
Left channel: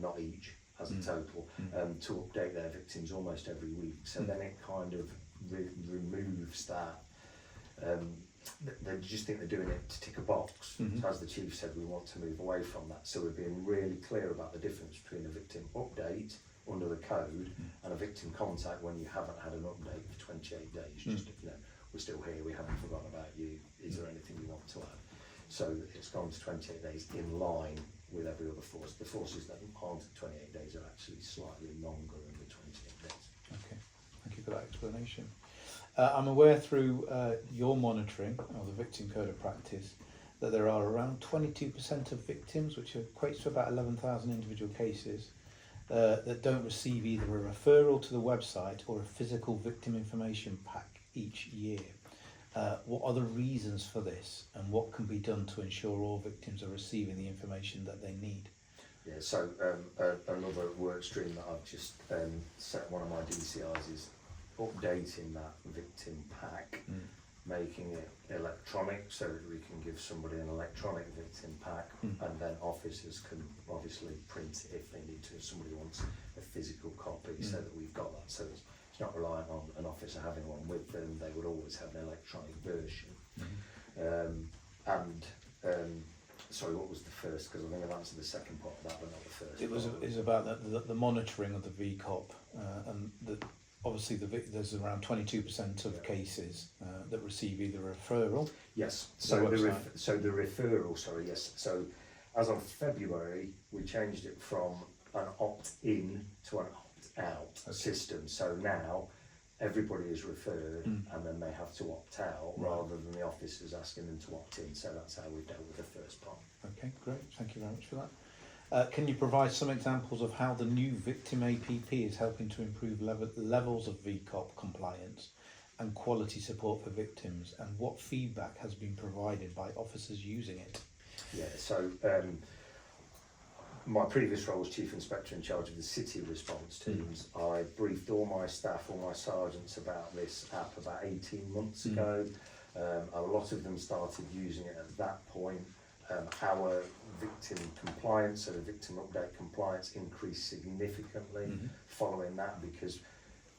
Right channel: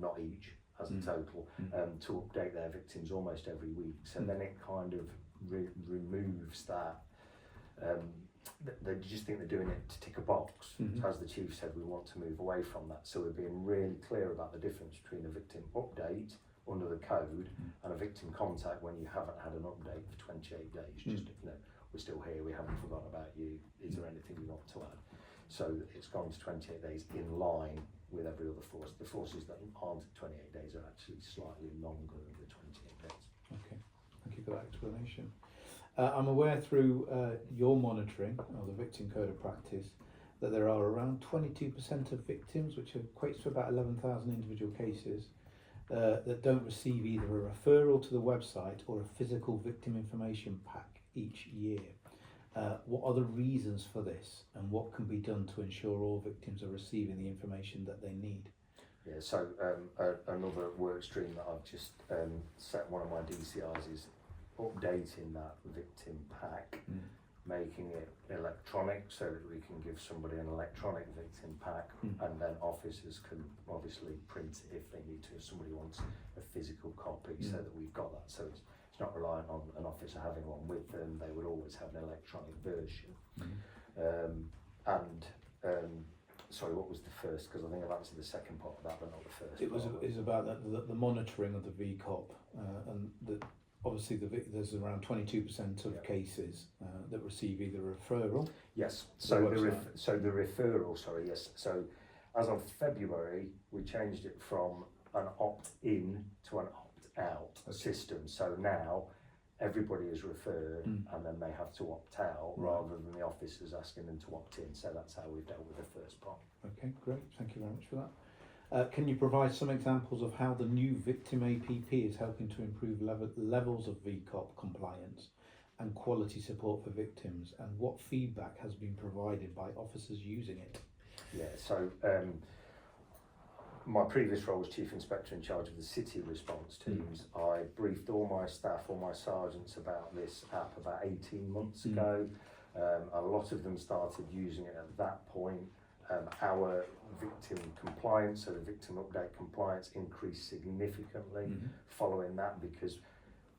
not each as a total, to update their victims almost every week. So then it kind of removes that. They just think they're doing it to tick a box. So as the chief said, we want to move away from that. So we're being really clear about the difference between a victim update under the code, and a victim contact when you haven't had an update for 28 days. Just, you know, we're still here, we haven't forgotten about you, is there anything you want to add? So it's gone to 28 days in line with every other force. The forces that aren't at 28 days are actually slightly longer than the 28 days. Okay, thank you for that explanation. I'm aware through your monitoring of the victim code of practice that there are around 22% of victims, which equates to about 11,000 individual cases, that don't receive either a referral to the website or a physical victim information pack each year. What are the reasons for this, and what can be done to ensure all victims are receiving the information that they need? Yeah, so another work stream that I've just set one of my DCIs is updating that victim pack, making it electronic so that we can give somebody an electronic victim pack, and then officers can obviously print it if they need to, if somebody wants a physical copy, so that we've got that. So it's not reliant on an officer having one with them, they would always have an electronic version. Sorry, what was the first? Because I think I've answered the second part of that, but not the first. It was about the monitoring of the VCOP, and obviously there's around 22% of cases that receive either a referral. Yes. So the referral. Sorry. Yes. So as of February, we changed it from an opt-in to an opt-out system. So now everybody is referred, and then they have to opt out rather than the officers asking them to opt in. So that's how we've dealt with the first part. Okay, great. Thank you very much for that. Can you provide some examples of how the new Victim APP is helping to improve levels of VCOP compliance and quality support for victims, and what feedback has been provided by officers using it? Yeah, so my previous role was Chief Inspector in charge of the city response teams. I briefed all my staff, all my sergeants about this app about 18 months ago. A lot of them started using it at that point. Our victim compliance, so the victim update compliance, increased significantly following that, because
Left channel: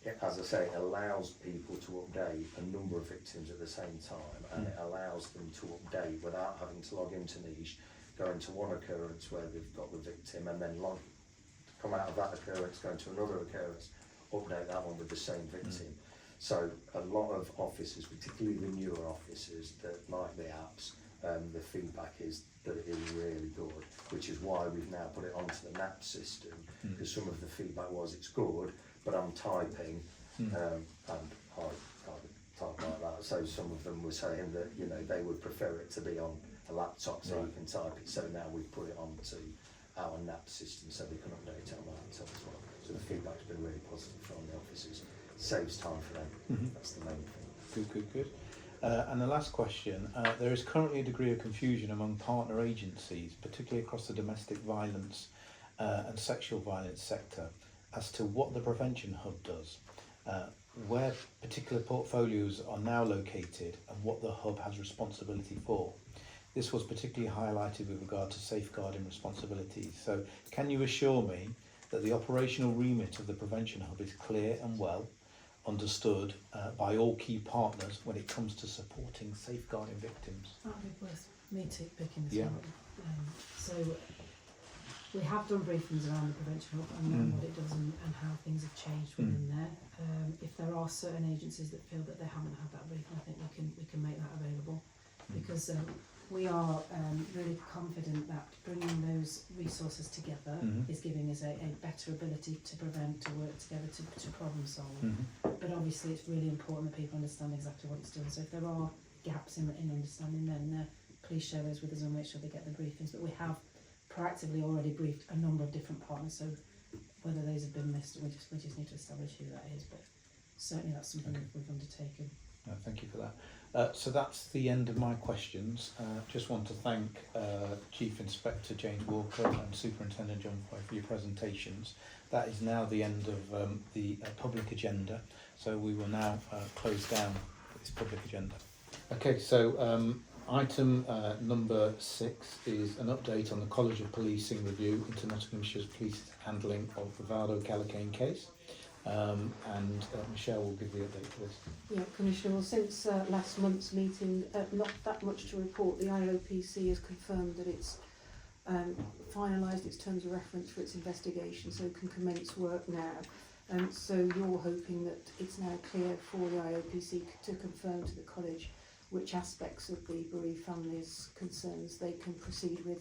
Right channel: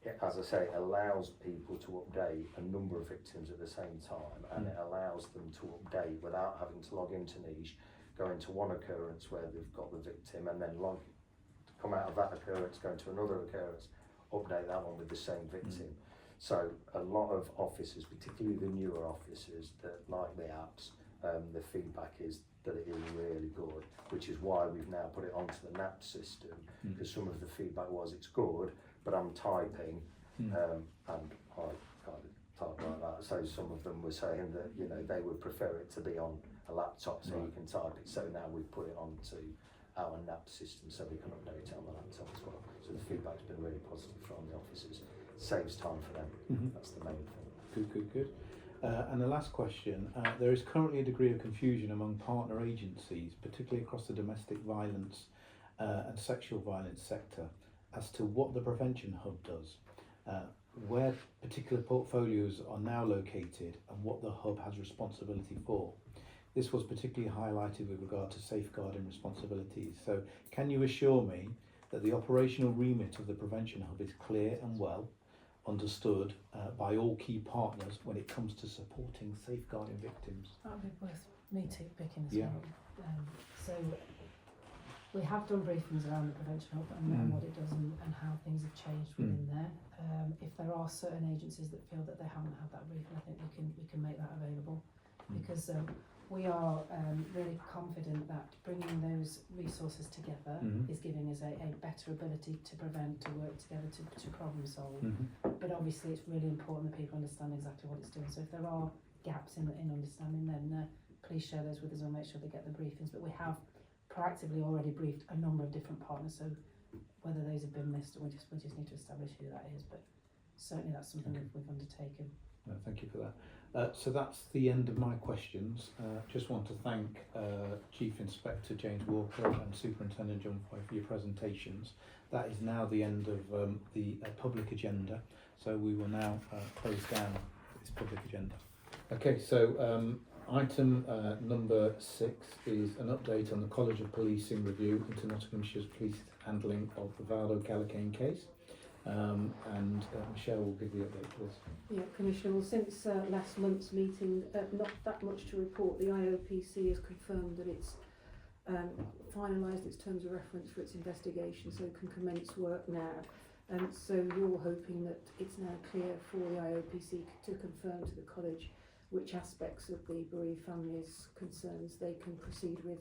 it, as I say, it allows people to update a number of victims at the same time, and it allows them to update without having to log into Niche, go into one occurrence where they've got the victim, and then come out of that occurrence, go into another occurrence, update that one with the same victim. So a lot of officers, particularly the newer officers that like the apps, the feedback is that it is really good, which is why we've now put it onto the NAP system, because some of the feedback was it's good, but I'm typing, and I can't type like that. So some of them were saying that, you know, they would prefer it to be on a laptop so you can type it. So now we've put it onto our NAP system so they can update it on the laptop as well. So the feedback's been really positive from the officers. Saves time for them. That's the main thing. Good. And the last question, there is currently a degree of confusion among partner agencies, particularly across the domestic violence and sexual violence sector, as to what the Prevention Hub does, where particular portfolios are now located, and what the Hub has responsibility for. This was particularly highlighted with regard to safeguarding responsibilities. So can you assure me that the operational remit of the Prevention Hub is clear and well understood by all key partners when it comes to supporting safeguarding victims? That would be worth me picking as Yeah. well. So we have done briefings around the Prevention Hub and what it does and how things have changed within there. If there are certain agencies that feel that they haven't had that briefing, I think we can make that available, because we are really confident that bringing those resources together is giving us a better ability to prevent, to work together, to problem solve. But obviously it's really important that people understand exactly what it's doing. So if there are gaps in understanding, then please share those with us and make sure they get the briefings. But we have proactively already briefed a number of different partners, so whether those have been missed, we just need to establish who that is. But certainly that's something we've undertaken. Thank you for that. So that's the end of my questions. Just want to thank Chief Inspector James Walker and Superintendent John Foy for your presentations. That is now the end of the public agenda. So we will now close down this public agenda. Okay, so item number 6 is an update on the College of Policing review into Nottinghamshire Police handling of the Valdo Callacane case. And Michelle will give the update, please. Yeah, Commissioner, well, since last month's meeting, not that much to report. The IOPC has confirmed that it's finalised its terms of reference for its investigation, so can commence work now. So you're hoping that it's now clear for the IOPC to confirm to the college which aspects of the bereaved families' concerns they can proceed with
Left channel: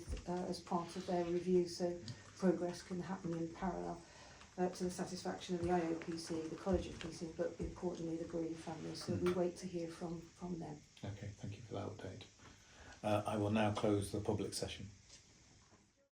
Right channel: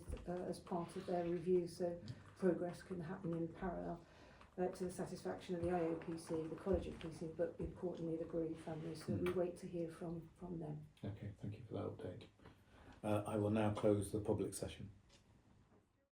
as part of their review, so progress can happen in parallel to the satisfaction of the IOPC, the college of policing, but importantly the bereaved families. So we wait to hear from them. Okay, thank you for that update. I will now close the public session.